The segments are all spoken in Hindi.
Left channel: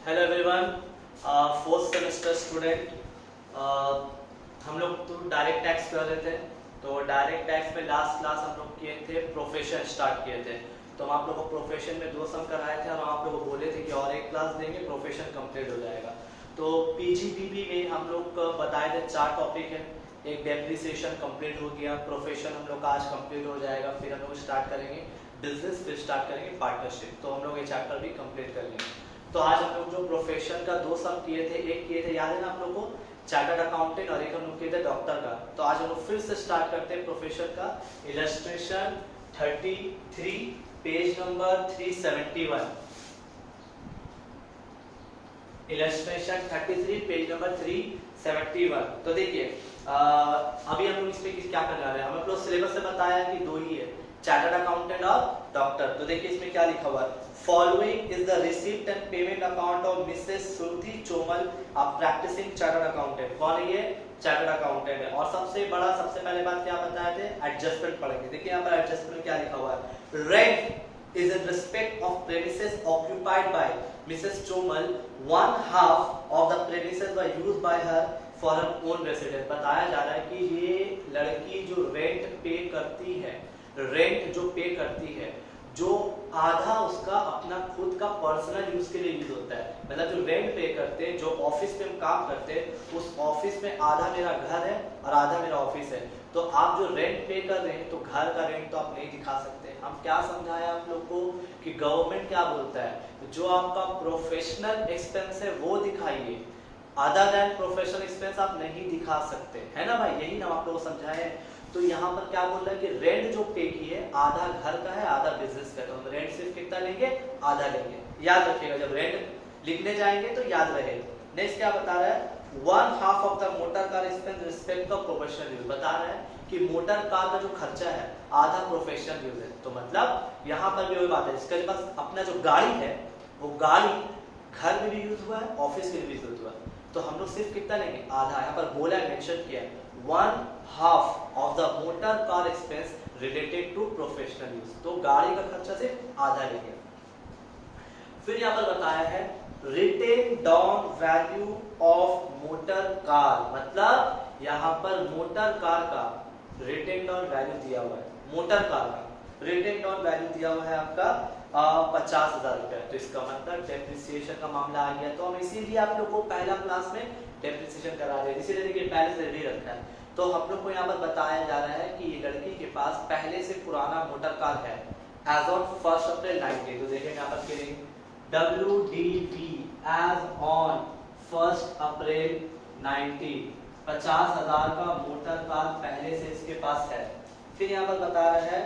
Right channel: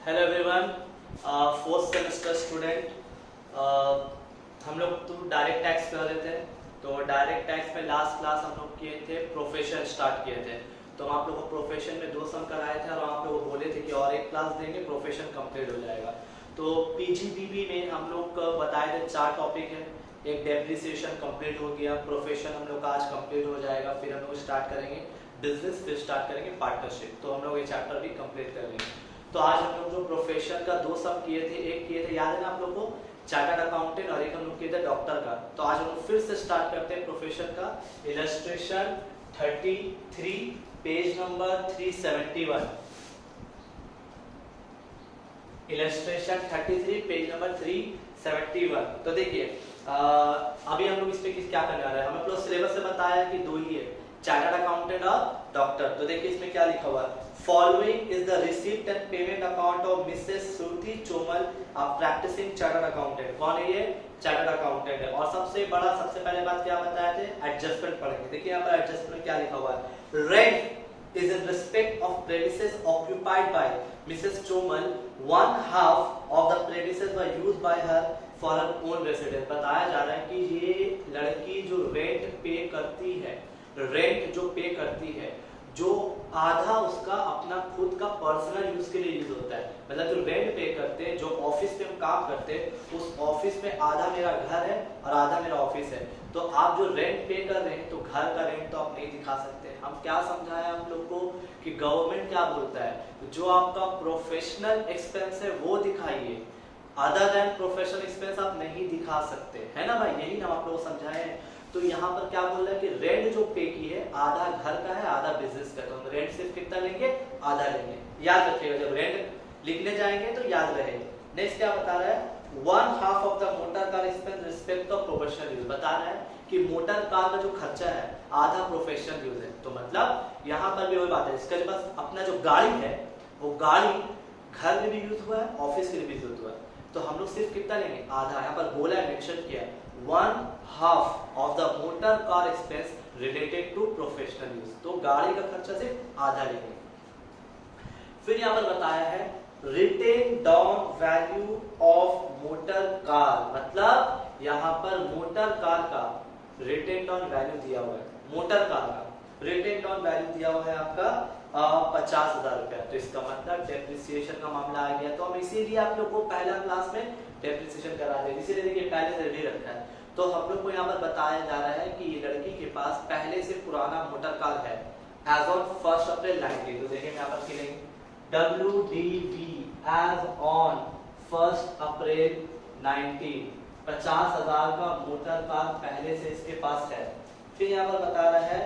Hello everyone, fourth semester student. हम लोग तो डायरेक्ट टैक्स कर रहे थे। तो डायरेक्ट टैक्स में लास्ट क्लास हम लोग किए थे, प्रोफेशन स्टार्ट किए थे। तो हम आप लोगों को प्रोफेशन में 2 सम कराए थे और आप लोग बोले थे कि और एक क्लास देंगे, प्रोफेशन कंप्लीट हो जाएगा। तो पीजीडीबी में हम लोग बताए थे 4 टॉपिक है। एक डेप्रिसिएशन कंप्लीट हो गया, प्रोफेशन हम लोग का आज कंप्लीट हो जाएगा। फिर हम लोग स्टार्ट करेंगे बिजनेस, फिर स्टार्ट करेंगे पार्टनरशिप। तो हम लोग ये चैप्टर भी कंप्लीट कर लेंगे। तो आज हम लोग जो प्रोफेशन का 2 सम किए थे, एक किए थे याद है ना आप लोग को, चार्टर्ड अकाउंटेंट, और एक हम लोग किए थे डॉक्टर का। तो आज हम लोग फिर से स्टार्ट करते हैं प्रोफेशन का। Illustration 33 page number 371। Illustration 33 page number 371। तो देखिए अभी हम लोग इसमें क्या करने वाले हैं। हम लोग सिलेबस से बताया कि 2 ही है, चार्टर्ड अकाउंटेंट और डॉक्टर। तो देखिए इसमें क्या लिखा हुआ है, following is the receipt and payment account of Mrs Shruti Chomal, a practising chartered accountant. कौन है ये? चार्टर्ड अकाउंटेंट है। और सबसे पहले बात क्या बताया थे, एडजस्टमेंट पढ़ेंगे। देखिए यहाँ पर एडजस्टमेंट में क्या लिखा हुआ है, rent is in respect of premises occupied by Mrs Chomal, 1/2 of the premises were used by her for an own residence. बताया जा रहा है कि ये लड़की जो रेंट पे करती है, रेंट जो पे करती है, जो आधा उसका अपना खुद का पर्सनल यूज के लिए यूज होता है। मतलब जो रेंट पे करते हैं, जो ऑफिस में हम काम करते हैं, उस ऑफिस में आधा मेरा घर है और आधा मेरा ऑफिस है। तो आप जो रेंट पे कर रहे हैं, तो घर का रेंट तो आप नहीं दिखा सकते। हम क्या समझाया हम लोग को कि गवर्नमेंट क्या बोलता है, जो आपका प्रोफेशनल एक्सपेंस है वो दिखाइए, अदर देन प्रोफेशनल एक्सपेंस आप नहीं दिखा सकते, है ना भाई? यही ना आप लोग समझाए। तो यहाँ पर क्या बोल रहा है कि रेंट जो पे की है, आधा घर का है आधा बिजनेस का। तो हम रेंट सिर्फ कितना लेंगे? आधा लेंगे। याद रखिएगा, जब रेंट लिखने जाएंगे तो याद रहेगा। नेक्स्ट क्या बता रहा है, 1/2 of the motor car expense respect of professional use. बता रहा है कि मोटर कार का जो खर्चा है आधा प्रोफेशनल यूज है। तो मतलब यहाँ पर भी वही बात है, इसके पास अपना जो गाड़ी है, वो गाड़ी घर में भी यूज हुआ है, ऑफिस के लिए भी यूज हुआ है। तो हम लोग सिर्फ कितना लेंगे? आधा। यहाँ पर बोला है, मेंशन किया है, 1/2 of the motor car expense related to professional use. तो गाड़ी का खर्चा सिर्फ आधा लेंगे। फिर यहाँ पर बताया है written down value of motor car. मतलब यहाँ पर मोटर कार का रिटेन डाउन वैल्यू दिया हुआ है, मोटर कार का रिटेन डाउन वैल्यू दिया हुआ है आपका 50,000 रुपया। तो इसका मतलब डेप्रिसिएशन का मामला आ गया। तो हम इसीलिए आप लोग को पहला क्लास में डेप्रिसिएशन करा दे, इसीलिए देखिए पहले से रेडी रखा है। तो हम लोग को यहाँ पर बताया जा रहा है कि ये लड़की के पास पहले से पुराना मोटर कार है एज ऑन 1 अप्रैल 19। तो देखिए यहाँ पर लिखेंगे WDV एज ऑन 1 अप्रैल 19, 50,000 का मोटर कार पहले से इसके पास है। फिर यहाँ पर बता रहा है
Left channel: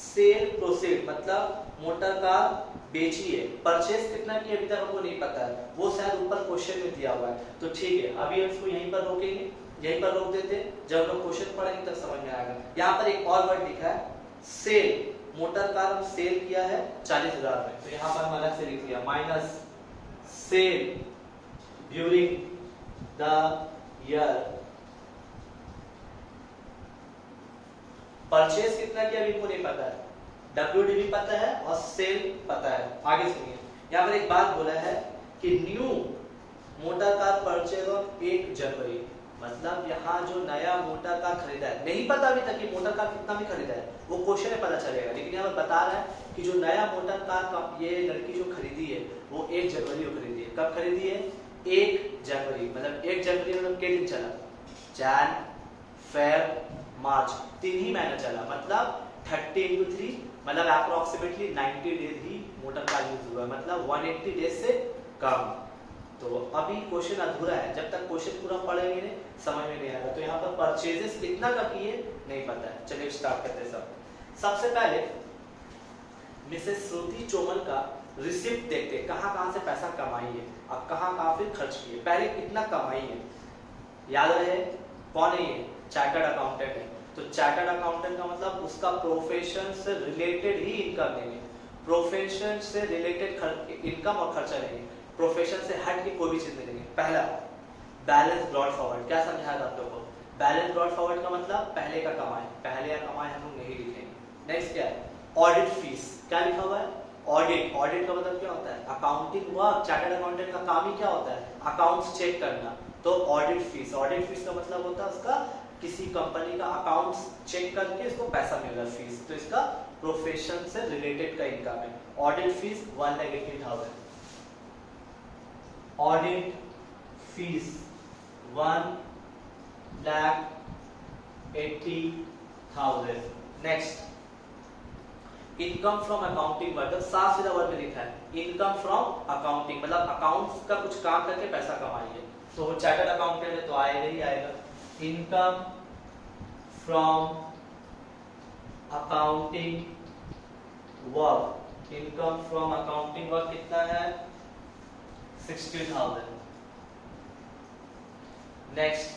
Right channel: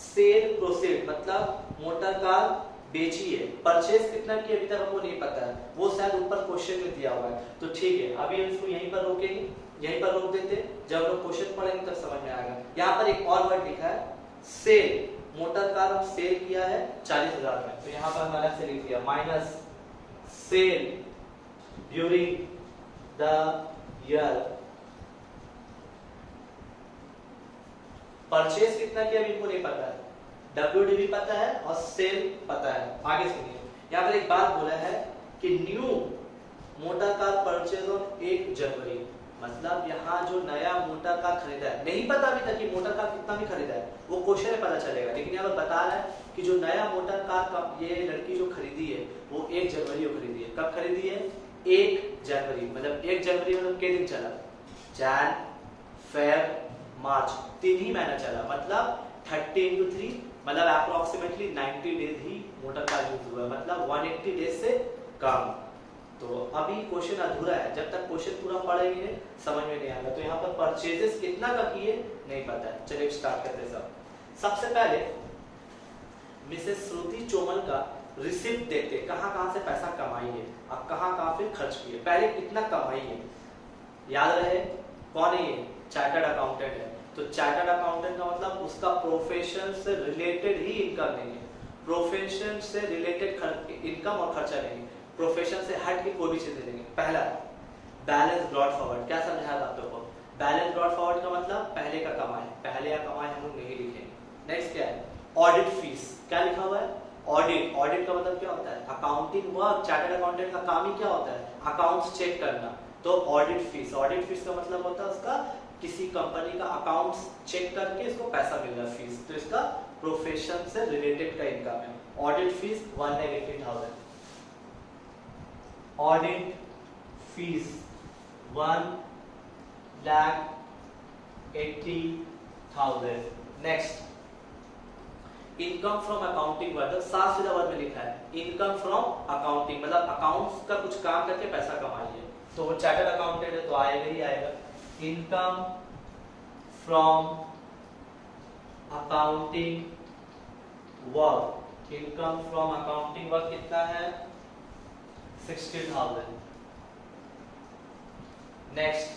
सेल प्रोसीड, मतलब मोटर कार बेची है। परचेस कितना किया अभी तक हमको नहीं पता है, वो शायद ऊपर क्वेश्चन में दिया हुआ है। तो ठीक है, अभी हम इसको यहीं पर रोकेंगे, यहीं पर रोक देते, जब लोग क्वेश्चन पढ़ेंगे तब समझ में आएगा। यहाँ पर एक और वर्ड लिखा है सेल, मोटर कार हम सेल किया है 40,000 में। तो यहाँ पर हम अलग से लिख दिया minus cell during the year. Purchase कितना किया अभी को नहीं पता है, WDV पता है और सेल पता है। आगे सुनिए, यहाँ पर एक बात बोला है कि new motor car purchase on 1 जनवरी। मतलब यहाँ जो नया मोटर कार खरीदा है, नहीं पता अभी तक कि मोटर कार कितना भी खरीदा है, वो क्वेश्चन में पता चलेगा। लेकिन यहाँ पर बता रहा है कि जो नया मोटर कार का ये लड़की जो खरीदी है, वो 1 जनवरी को खरीदी है। कब खरीदी है? 1 जनवरी। मतलब 1 जनवरी मतलब कितने दिन चला? जैन, फेब, मार्च, 3 ही महीना चला। मतलब 30 into 3 मतलब अप्रोक्सीमेटली 90 डेज ही मोटर कार यूज हुआ है, मतलब 180 डेज से कम। तो अभी क्वेश्चन अधूरा है, जब तक क्वेश्चन पूरा पढ़ेंगे नहीं समझ में नहीं आएगा। तो यहाँ पर परचेजेस कितना का किए नहीं पता है। चलिए स्टार्ट करते हैं। सबसे पहले मिसेस श्रुति चोमल का रिसिप्ट देखते, कहाँ कहाँ से पैसा कमाई है और कहाँ फिर खर्च किए। पहले कितना कमाई है याद रहे, कौन है ये? चार्टर्ड अकाउंटेंट है। तो चार्टर्ड अकाउंटेंट का मतलब उसका प्रोफेशन से रिलेटेड ही इनकम लेंगे, प्रोफेशन से रिलेटेड इनकम और खर्चा लेंगे, प्रोफेशन से हट के कोई भी चीज लेंगे। पहला बैलेंस ब्रॉड फॉरवर्ड, क्या समझाया आप लोगों को? बैलेंस ब्रॉड फॉरवर्ड का मतलब पहले का कमाई, पहले का कमाई हम लोग नहीं लिखेंगे। नेक्स्ट क्या है? ऑडिट फीस, क्या लिखा हुआ है? ऑडिट, ऑडिट का मतलब क्या होता है? Accounting work. चार्टर्ड अकाउंटेंट का काम ही क्या होता है? अकाउंट्स चेक करना। तो ऑडिट फीस, ऑडिट फीस का मतलब होता है उसका किसी कंपनी का अकाउंट्स चेक करके इसको पैसा मिल रहा है, फीस। तो इसका प्रोफेशन से रिलेटेड का इनकम है। Audit fees 1,80,000, audit fees 1,80,000। Next, income from accounting work, साफ सीधा वर्ड में लिखा है इनकम फ्रॉम अकाउंटिंग, मतलब अकाउंट्स का कुछ काम करके पैसा कमाइए। तो वो चार्टर्ड अकाउंटेंट है तो आएगा ही आएगा। Income from accounting work, income from accounting work कितना है? 60,000। Next,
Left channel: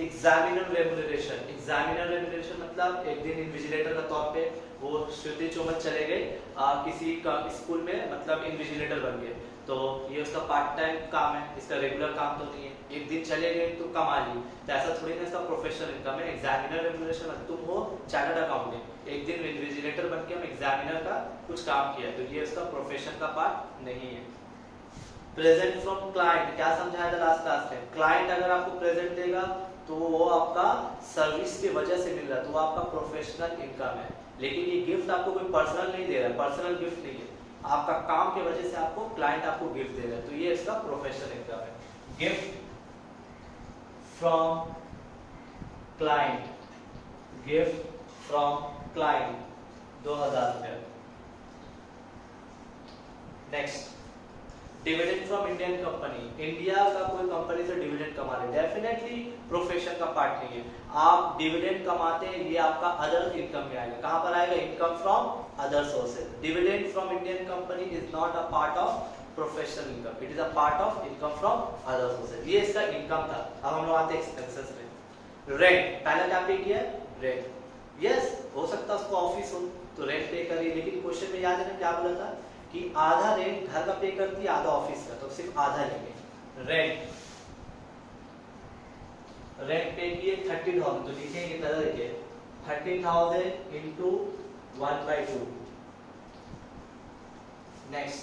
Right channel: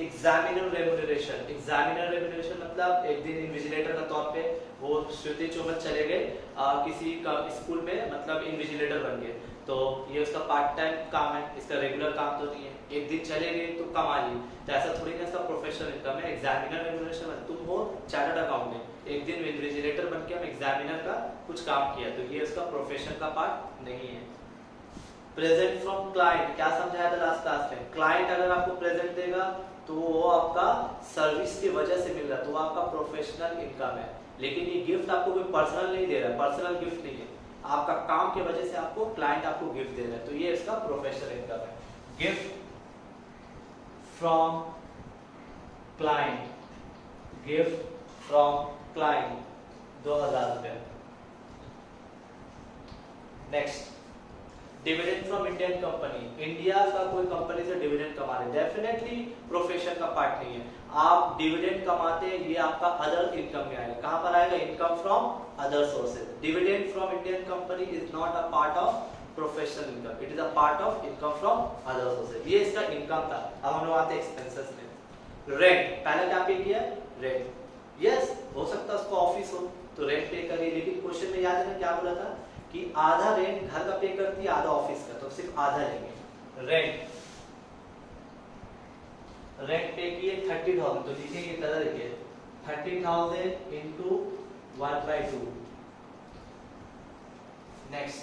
examiner remuneration, examiner remuneration मतलब एक दिन इन्विजिलेटर का तौर पे वो श्रुति चौमन चले गए किसी का स्कूल में, मतलब इन्विजिलेटर बन गए। तो ये उसका पार्ट टाइम काम है, इसका रेगुलर काम तो नहीं है। एक दिन चले गए तो कमा ली, तो ऐसा थोड़ी ना इसका प्रोफेशनल इनकम है। एग्जामिनर रेम्यूनरेशन मतलब तुम हो चार्टर्ड अकाउंटेंट, एक दिन इन्विजिलेटर बन के हम एग्जामिनर का कुछ काम किया, तो ये उसका प्रोफेशन का पार्ट नहीं है। प्रेजेंट फ्रॉम क्लाइंट, क्या समझाया था लास्ट क्लास में? क्लाइंट अगर आपको प्रेजेंट देगा तो वो आपका सर्विस की वजह से मिल रहा है, तो वो आपका प्रोफेशनल इनकम है। लेकिन ये गिफ्ट आपको कोई पर्सनल नहीं दे रहा है, पर्सनल गिफ्ट नहीं है, आपका काम की वजह से आपको क्लाइंट आपको गिफ्ट दे रहा है, तो ये इसका प्रोफेशनल इनकम है। Gift from client, gift from client 2,000 रुपये। Next, dividend from Indian company, India का कोई कंपनी से डिविडेंड कमा रहे, डेफिनेटली प्रोफेशन का पार्ट नहीं है। आप डिविडेंड कमाते हैं, ये आपका अदर इनकम में आएगा। कहां पर आएगा? Income from other sources. Dividend from Indian company is not a part of professional income, it is a part of income from other sources. ये इसका इनकम था। अब हम लोग आते हैं एक्सपेंसेस में। रेंट, पहले क्या पे किया? रेंट। यस, हो सकता है उसको ऑफिस हो तो रेंट पे करिए, लेकिन क्वेश्चन में याद है ना क्या बोला था कि आधा रेंट घर का पे करती है, आधा ऑफिस का, तो सिर्फ आधा लेंगे। रेंट, रेंट पे किए 30,000, तो लिखेंगे कितना? देखिए 30,000 into 1/2। Next,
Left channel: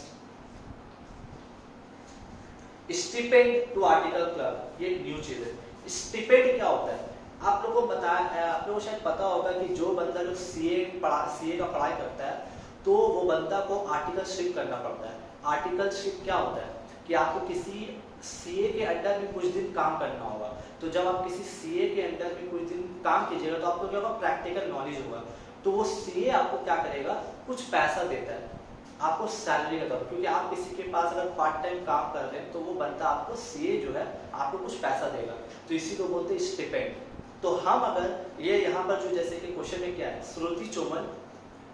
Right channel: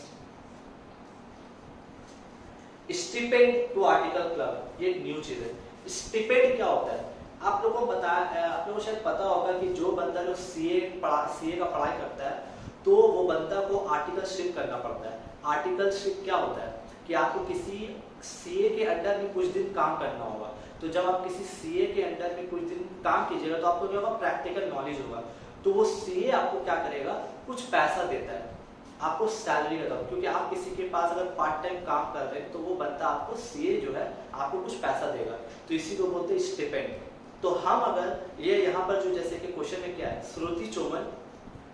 stipend to article clerk, ये न्यू चीज है। स्टिपेंड क्या होता है? आप लोगों को आप लोगों को शायद पता होगा कि जो बंदा लोग सीए का पढ़ाई करता है तो वो बंदा को आर्टिकलशिप करना पड़ता है। आर्टिकलशिप क्या होता है कि आपको किसी सीए के अंडर में कुछ दिन काम करना होगा। तो जब आप किसी सीए के अंडर में कुछ दिन काम कीजिएगा तो आपको क्या होगा? प्रैक्टिकल नॉलेज होगा। तो वो सीए आपको क्या करेगा? कुछ पैसा देता है, आपको सैलरी देता है, क्योंकि आप किसी के पास अगर पार्ट टाइम काम कर रहे हैं तो वो बंदा आपको सीए जो है आपको कुछ पैसा देगा, तो इसी को बोलते हैं स्टिपेंड। तो हम अगर ये यहाँ पर जो जैसे कि क्वेश्चन में क्या है, श्रुति चौमन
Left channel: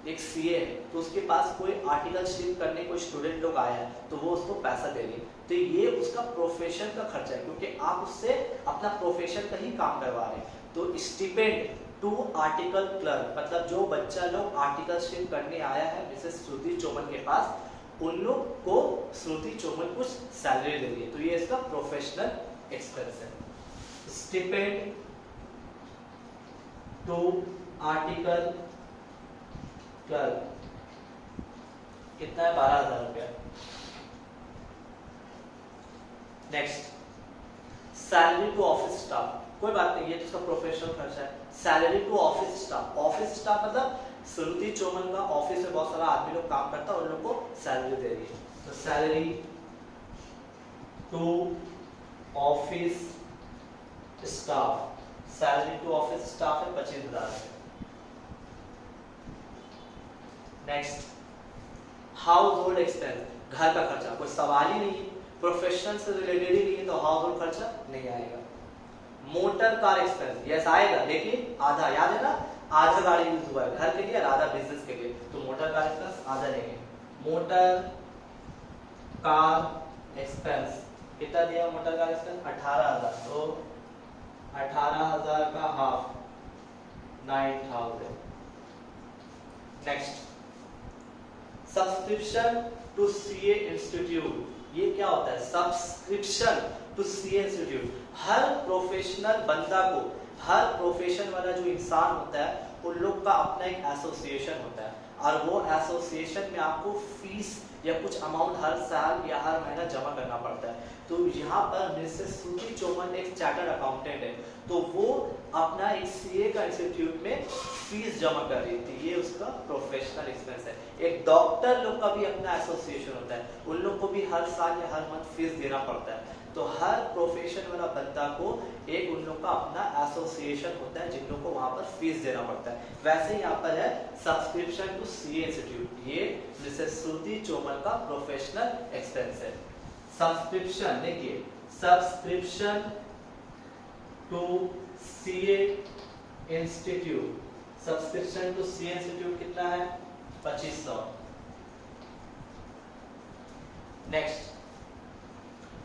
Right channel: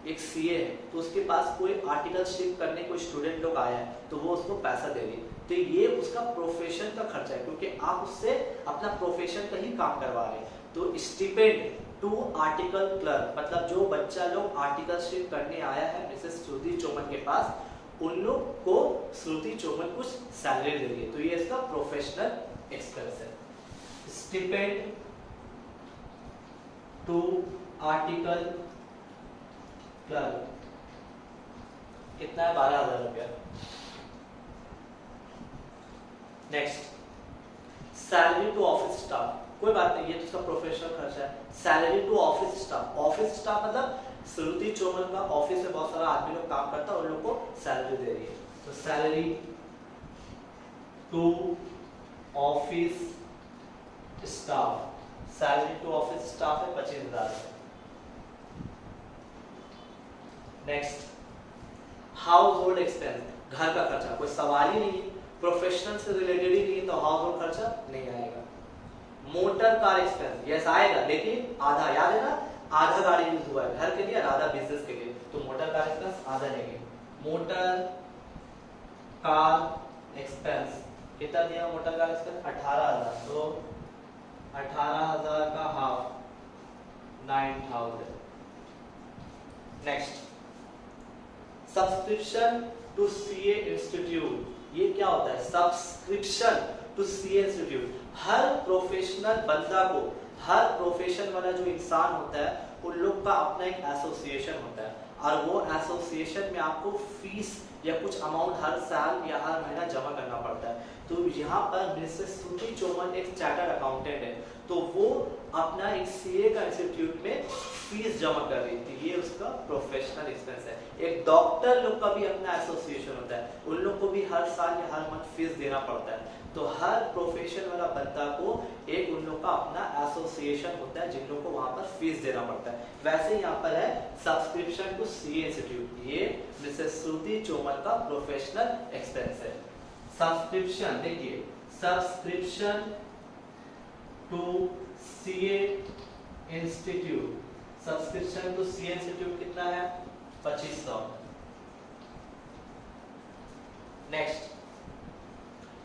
एक सीए है तो उसके पास कोई आर्टिकलशिप करने कोई स्टूडेंट लोग आया है तो वो उसको पैसा दे रही है, तो ये उसका प्रोफेशन का खर्चा है, क्योंकि आप उससे अपना प्रोफेशन का ही काम करवा रहे हैं। तो स्टिपेंड टू आर्टिकल क्लर्क मतलब जो बच्चा लोग आर्टिकलशिप करने आया है मिसेस श्रुति चौमन के पास, उन लोग को श्रुति चौमन कुछ सैलरी दे रही है, तो ये इसका प्रोफेशनल एक्सपेंस है। स्टिपेंड टू आर्टिकल क्लर्क कितना है? 12,000 रुपया। Next, salary to office staff, कोई बात नहीं, ये तो उसका प्रोफेशनल खर्चा है। Salary to office staff, office staff मतलब श्रुति चौमन का ऑफिस में बहुत सारा आदमी लोग काम करता है, उन लोग को सैलरी दे रही है, तो salary to office staff, salary to office staff है 25,000। नेक्स्ट, हाउस होल्ड एक्सपेंस, घर का खर्चा, कोई सवाल ही नहीं है, प्रोफेशनल से रिलेटेड ही नहीं है, तो हाउस होल्ड खर्चा नहीं आएगा। मोटर कार एक्सपेंस, यस आएगा, लेकिन आधा, याद है ना, आधा गाड़ी यूज हुआ है घर के लिए और आधा बिजनेस के लिए, तो मोटर कार एक्सपेंस आधा लेंगे। मोटर कार एक्सपेंस कितना दिया? मोटर कार एक्सपेंस 18,000, तो 18,000 का half 9,000। Next, subscription to CA institute, ये क्या होता है? सब्सक्रिप्शन टू सीए इंस्टीट्यूट, हर प्रोफेशनल बंदा को, हर प्रोफेशन वाला जो इंसान होता है उन लोग का अपना एक एसोसिएशन होता है। और वो एसोसिएशन में आपको फीस या कुछ अमाउंट हर साल या हर महीना जमा करना पड़ता है। तो यहाँ पर मिसेस श्रुति चौमन एक चार्टर्ड अकाउंटेंट है, तो वो अपना एक सीए का इंस्टीट्यूट में फीस जमा कर रही थी, ये उसका प्रोफेशनल एक्सपेंस है। एक डॉक्टर लोग का भी अपना एसोसिएशन होता है, उन लोग को भी हर साल या हर मंथ फीस देना पड़ता है। तो हर प्रोफेशन वाला बंदा को एक उन लोग का अपना एसोसिएशन होता है जिन लोग को वहां पर फीस देना पड़ता है। वैसे यहाँ पर है सब्सक्रिप्शन टू सीए इंस्टीट्यूट, ये मिसेस श्रुति चौमन का प्रोफेशनल एक्सपेंस है। सब्सक्रिप्शन देखिए, subscription to CA institute, subscription to CA institute कितना है? 2500। Next,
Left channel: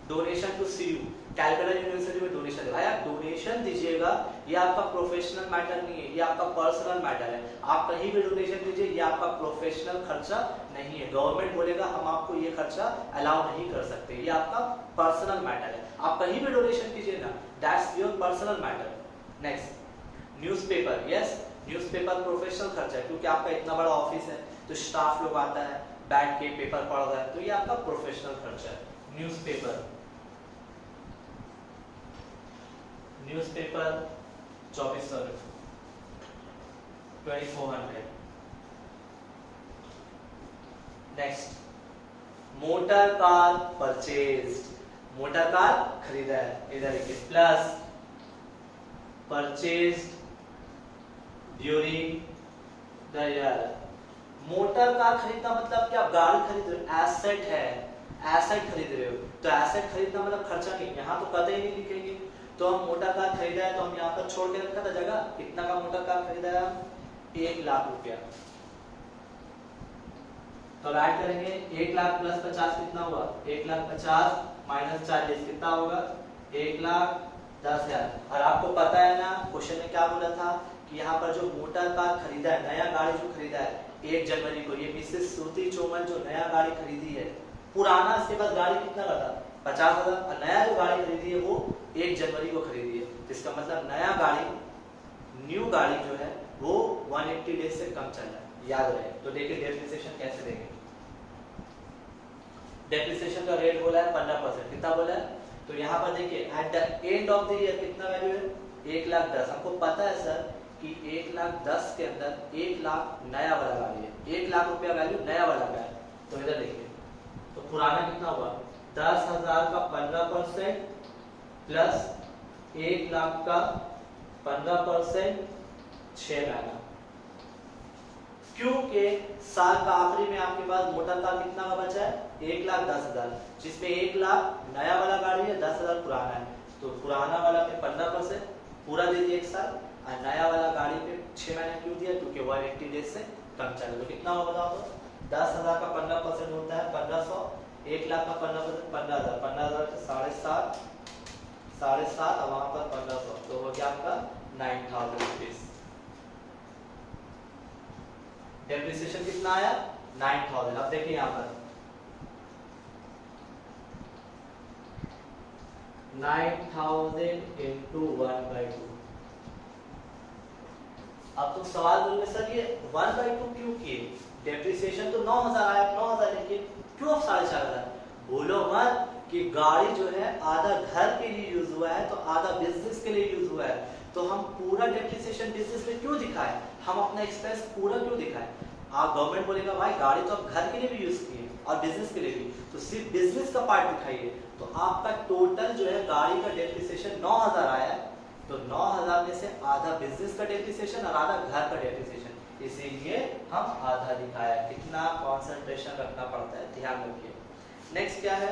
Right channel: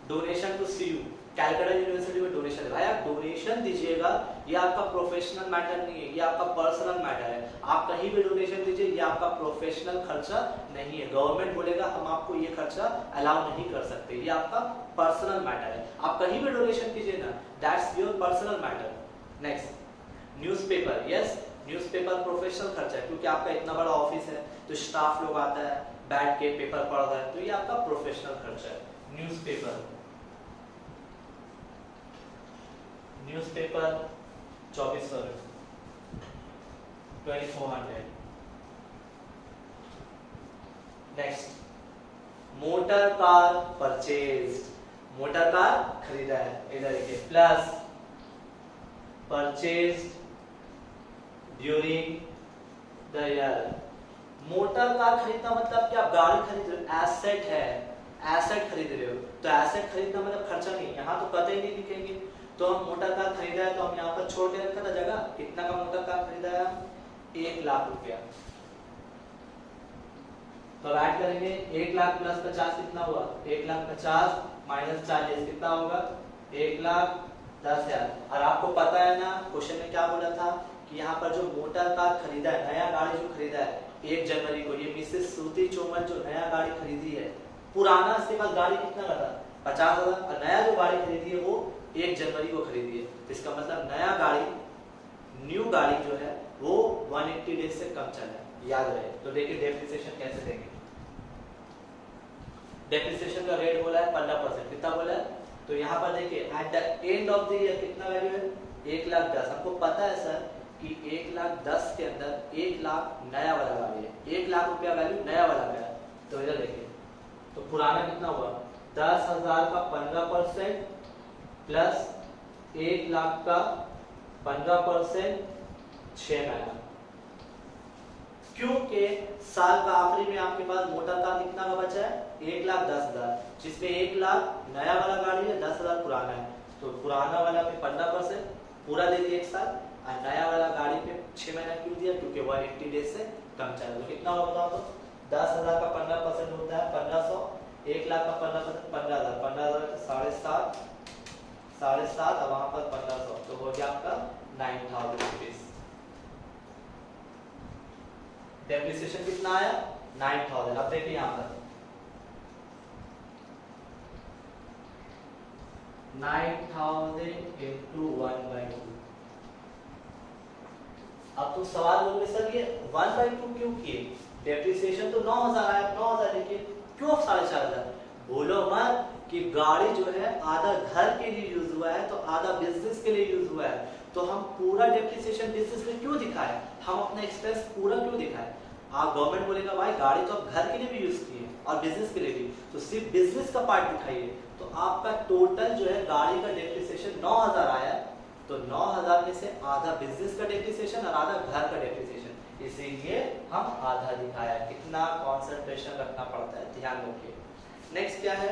donation to CU, Calcutta university में डोनेशन है। भाई आप डोनेशन दीजिएगा, ये आपका प्रोफेशनल मैटर नहीं है, ये आपका पर्सनल मैटर है। आप कहीं भी डोनेशन दीजिए, ये आपका प्रोफेशनल खर्चा नहीं है। गवर्नमेंट बोलेगा हम आपको ये खर्चा अलाउ नहीं कर सकते, ये आपका पर्सनल मैटर है। आप कहीं भी डोनेशन कीजिए ना, that's your personal matter. Next, newspaper, yes newspaper professional खर्चा है, क्योंकि आपका इतना बड़ा ऑफिस है तो स्टाफ लोग आता है, बैठ के पेपर पढ़ रहा है, तो ये आपका प्रोफेशनल खर्चा है। Newspaper 2400, 2400। Next, motor car purchase, motor car खरीदा है, इधर देखिए, plus purchase during the year. Motor car खरीदना मतलब कि आप गाड़ी खरीद रहे हो, एसेट है, एसेट खरीद रहे हो, तो एसेट खरीदना मतलब खर्चा नहीं, यहाँ तो कतई नहीं दिखेंगे। तो हम मोटर कार खरीदा है तो हम यहाँ पर छोड़ के रखा था जगह, कितना का मोटर कार खरीदा है? 1 लाख रुपया। तो ऐड करेंगे 1 लाख प्लस 50 कितना हुआ? 1,50,000 माइनस 40 कितना होगा? 1,10,000। और आपको पता है ना क्वेश्चन में क्या बोला था कि यहाँ पर जो मोटर कार खरीदा है, नया गाड़ी जो खरीदा है 1 जनवरी को, ये मिसेस श्रुति चौमन जो नया गाड़ी खरीदी है, पुराना इसके पास गाड़ी कितना का था? 50,000, और नया जो गाड़ी खरीदी है वो 1 जनवरी को खरीदी है। इसका मतलब नया गाड़ी, न्यू गाड़ी जो है वो 180 डेज से कम चल रहा है, याद रहे। तो देखिए डेप्रिसिएशन कैसे देंगे। डेप्रिसिएशन का रेट बोला है 15%, कितना बोला है? तो यहाँ पर देखिए at the end of the year कितना वैल्यू है? 1,10,000। हमको पता है सर कि 1,10,000 के अंदर 1 लाख नया वाला गाड़ी है, 1 लाख रुपया वैल्यू नया वाला का है। तो इधर देखिए, तो पुराना कितना हुआ? 10,000 का 15% प्लस 1 लाख का 15%, 6 महीना। क्योंकि साल का आखिरी में आपके पास मोटर कार कितना का बचा है? 1,10,000, जिसमें 1 लाख नया वाला गाड़ी है, 10,000 पुराना है। तो पुराना वाला पे 15% पूरा दे दिया 1 साल, और नया वाला गाड़ी पे 6 महीना क्यों दिया? क्योंकि 180 डेज से कम चला। तो कितना होगा बताओ? तो 10,000 का 15% होता है 1500, 1 लाख का 15% 15,000, 15,000 का 7,500, 7,500 और वहां पर 1500, तो हो गया आपका 9,000 रुपीज। डेप्रिसिएशन कितना आया? 9,000। अब देखिए यहाँ पर 9,000 into 1/2। अब तो सवाल बोलोगे सर ये 1/2 क्यों किए? डेप्रिसिएशन तो 9,000 आया, 9,000 लिखिए, क्यों 4,500? बोलो मत कि गाड़ी जो है आधा घर के लिए यूज हुआ है तो आधा बिजनेस के लिए यूज हुआ है, तो हम पूरा डेप्रिसिएशन बिजनेस में क्यों दिखाएं? हम अपना एक्सपेंस पूरा क्यों दिखाएं? आप गवर्नमेंट बोलेगा भाई गाड़ी तो आप घर के लिए भी यूज किए और बिजनेस के लिए भी, तो सिर्फ बिजनेस का पार्ट दिखाइए। तो आपका टोटल जो है गाड़ी का डेप्रिसिएशन 9,000 आया है, तो 9,000 में से आधा बिजनेस का डेप्रिसिएशन और आधा घर का डेप्रिसिएशन, इसीलिए हम आधा दिखाया। कितना कॉन्सेंट्रेशन रखना पड़ता है, ध्यान रखिए। नेक्स्ट क्या है?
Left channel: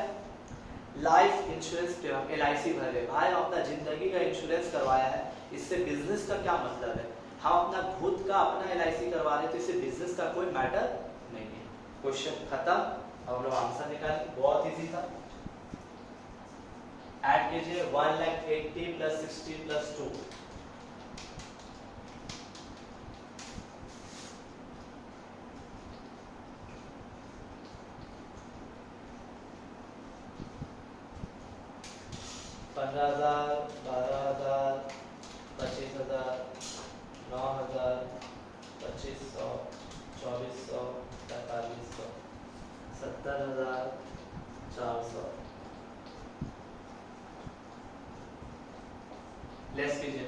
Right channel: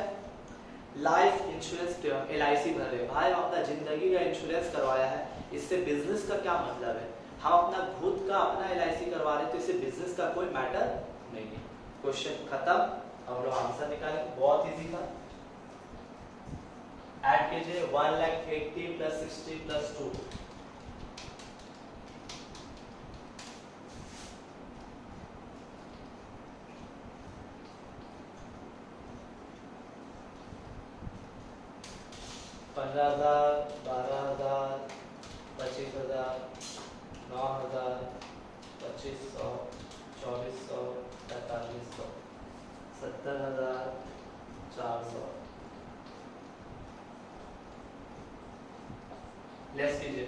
लाइफ इंश्योरेंस प्रीमियम, LIC भर रहे भाई, अपना जिंदगी का इंश्योरेंस करवाया है, इससे बिजनेस का क्या मतलब है? हम अपना खुद का अपना LIC करवा रहे हैं, तो इससे बिजनेस का कोई मैटर नहीं है। क्वेश्चन खत्म, हम लोग आंसर निकालेंगे, बहुत इजी था। ऐड कीजिए 1,80,000 प्लस 60 प्लस 2, $15,000, 12,000, 25,000, 9,000, 2,500, 2400, 4500, 70,400। लेस कीजिए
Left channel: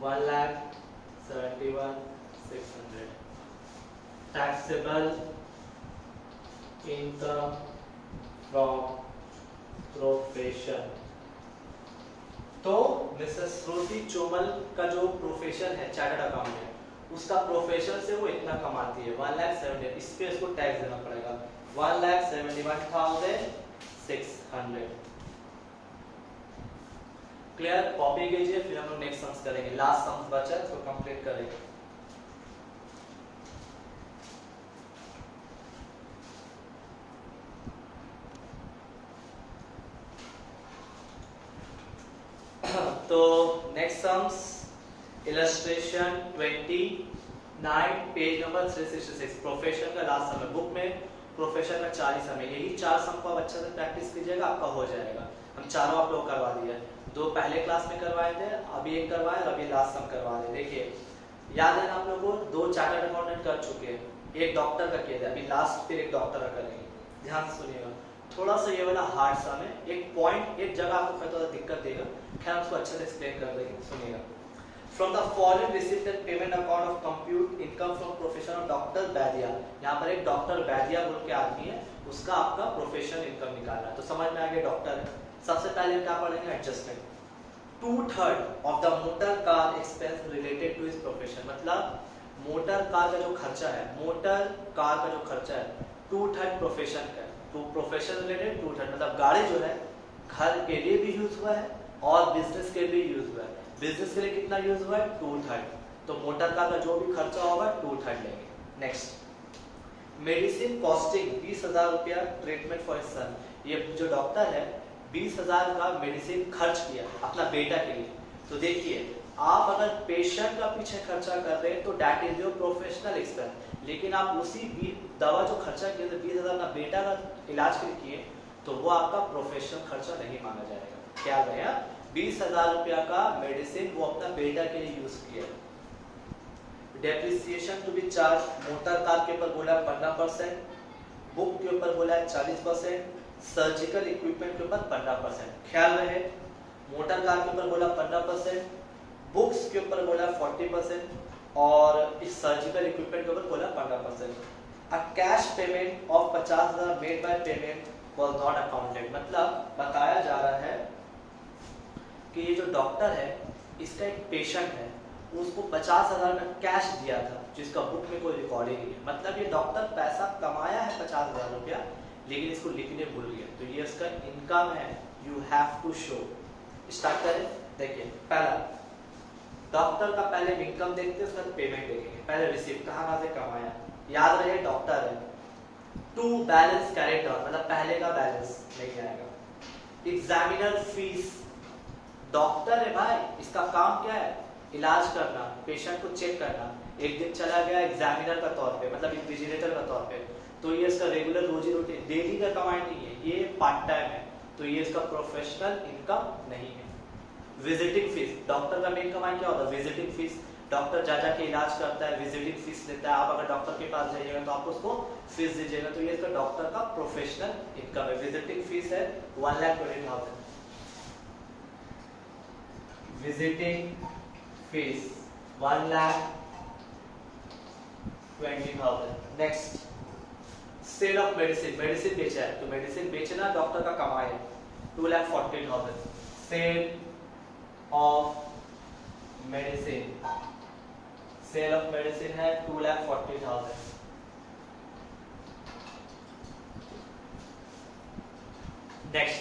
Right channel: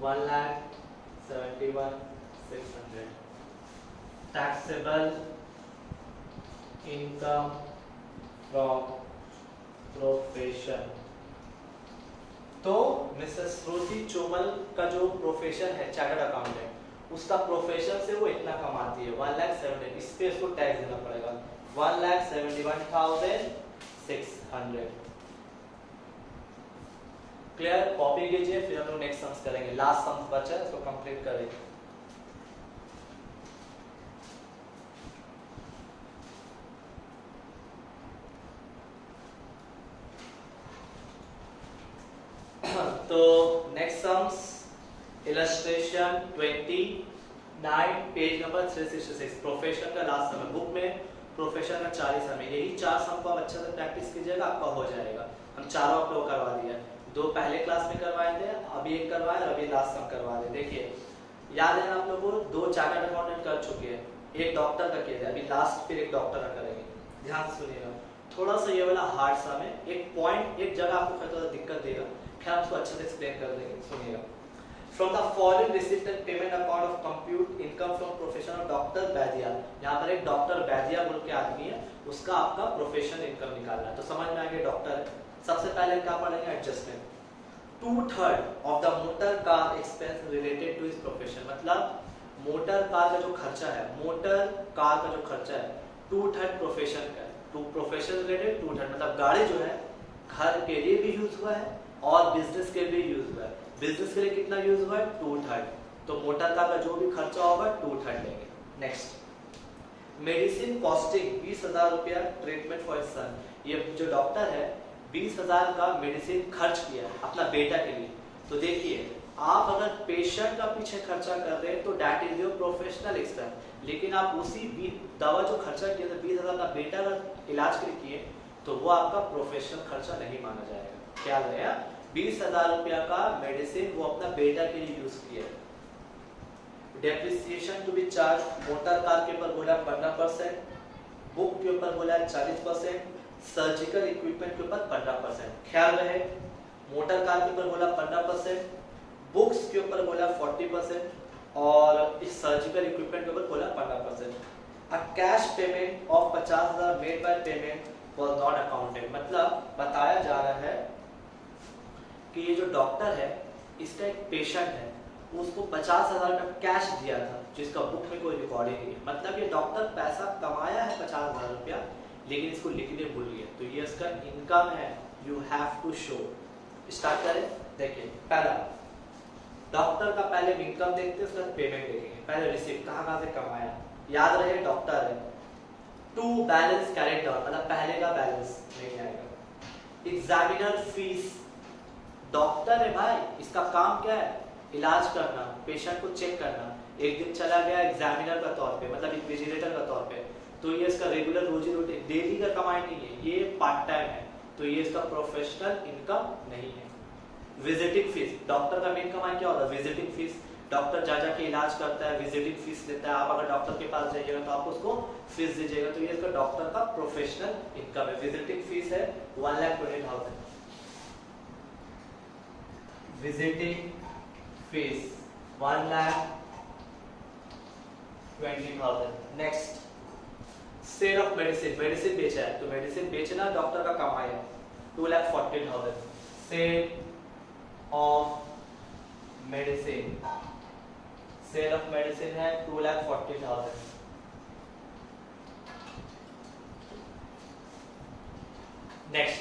1,71,600। Taxable income from profession. तो मिसेस श्रुति चोमल का जो प्रोफेशन है चार्टर्ड अकाउंटेंट, उसका प्रोफेशन से वो इतना कमाती है 1,70,000। इस पे उसको टैक्स देना पड़ेगा 1,71,600। क्लियर? कॉपी कीजिए, फिर हम लोग नेक्स्ट सम्स करेंगे। लास्ट सम्स बचा है, इसको कंप्लीट करेंगे। तो next sums illustration 29 page number 366 profession का लास्ट सम है। बुक में प्रोफेशन का 4 ही सम है। यही 4 सम को आप अच्छे से प्रैक्टिस कीजिएगा, आपका हो जाएगा। हम चारों आप लोग करवा दिए, 2 पहले क्लास में करवाए थे, अभी एक करवाए और अभी लास्ट सम करवा रहे। देखिए याद है ना आप लोगों को, 2 चार्टर्ड अकाउंटेंट कर चुके हैं, एक डॉक्टर का किया, अभी लास्ट फिर एक डॉक्टर का करेंगे। ध्यान से सुनिएगा, थोड़ा सा ये वाला हार्ड सम है, एक पॉइंट एक जगह आपको थोड़ा दिक्कत देगा, खैर उसको अच्छे से एक्सप्लेन कर देंगे। सुनिएगा, from the following received and payment account of compute income from profession of doctor Baidya. यहाँ पर एक डॉक्टर बैदिया बोल के आदमी है, उसका आपका प्रोफेशन इनकम निकालना है। तो समझ में आ गया डॉक्टर है। सबसे पहले क्या पढ़ेंगे? Adjustment. 2/3 of the motor car expense related to his profession. मतलब मोटर कार का जो खर्चा है, मोटर कार का जो खर्चा है 2/3 प्रोफेशन का, टू प्रोफेशन रिलेटेड 2/3 मतलब गाड़ी जो है घर के लिए भी यूज हुआ है और बिजनेस के लिए यूज हुआ है। बिजनेस के लिए कितना यूज हुआ है? 2/3। तो मोटर कार का जो भी खर्चा होगा 2/3 लेंगे। नेक्स्ट, मेडिसिन कॉस्टिंग 20,000 रुपया ट्रीटमेंट फॉर हिज सन। ये जो डॉक्टर है 20,000 का मेडिसिन खर्च किया अपना बेटा के लिए। तो देखिए, आप अगर पेशेंट का पीछे खर्चा कर रहे हैं तो that is your professional expense, लेकिन आप उसी दवा जो खर्चा किया 20,000 का बेटा का इलाज के लिए किए तो वो आपका प्रोफेशनल खर्चा नहीं माना जाएगा। ख्याल रहे, 20,000 रुपया का मेडिसिन वो अपना बेटा के लिए यूज किया। Depreciation to be charge, motor car के ऊपर बोला 15%, बुक के ऊपर बोला 40%, सर्जिकल इक्विपमेंट के ऊपर 15%। ख्याल रहे, मोटर कार के ऊपर बोला 15%, बुक्स के ऊपर बोला 40% और इस सर्जिकल इक्विपमेंट के ऊपर बोला 15%। A cash payment of 50,000 made by payment was not accounted. मतलब बताया जा रहा है कि ये जो डॉक्टर है इसका एक पेशेंट है, उसको 50,000 का कैश दिया था जिसका बुक में कोई रिकॉर्ड ही नहीं है। मतलब ये डॉक्टर पैसा कमाया है 50,000 रुपया, लेकिन इसको लिखने भूल गया। तो ये इसका इनकम है, you have to show. Start करें। देखिए, पहला डॉक्टर का पहले इनकम देखते हैं, उसका पेमेंट देखेंगे। पहले रिसीव कहाँ से कमाया, याद रहे डॉक्टर है। 2 बैलेंस कैरेट डाउन, मतलब पहले का बैलेंस नहीं आएगा। एग्जामिनर फीस, डॉक्टर है भाई, इसका काम क्या है? इलाज करना, पेशेंट को चेक करना। एक दिन चला गया एग्जामिनर का तौर पे, मतलब इन्विजिलेटर का तौर पे, तो ये इसका रेगुलर रोजी रोटी डेली का कमाई नहीं है, ये पार्ट टाइम है, तो ये इसका प्रोफेशनल इनकम नहीं है। विजिटिंग फीस, डॉक्टर का मेन कमाई क्या होता है? Visiting fees. डॉक्टर जा के इलाज करता है, विजिटिंग फीस लेता है। आप अगर डॉक्टर के पास जाइएगा तो आप उसको फीस दीजिएगा, तो ये इसका डॉक्टर का प्रोफेशनल इनकम है। विजिटिंग फीस है 1,20,000। Visiting fees 1,20,000। Next, sale of medicine, medicine बेचा है, तो मेडिसिन बेचना डॉक्टर का कमाई है 2,40,000। Sale of medicine, sale of medicine है 2,40,000। Next,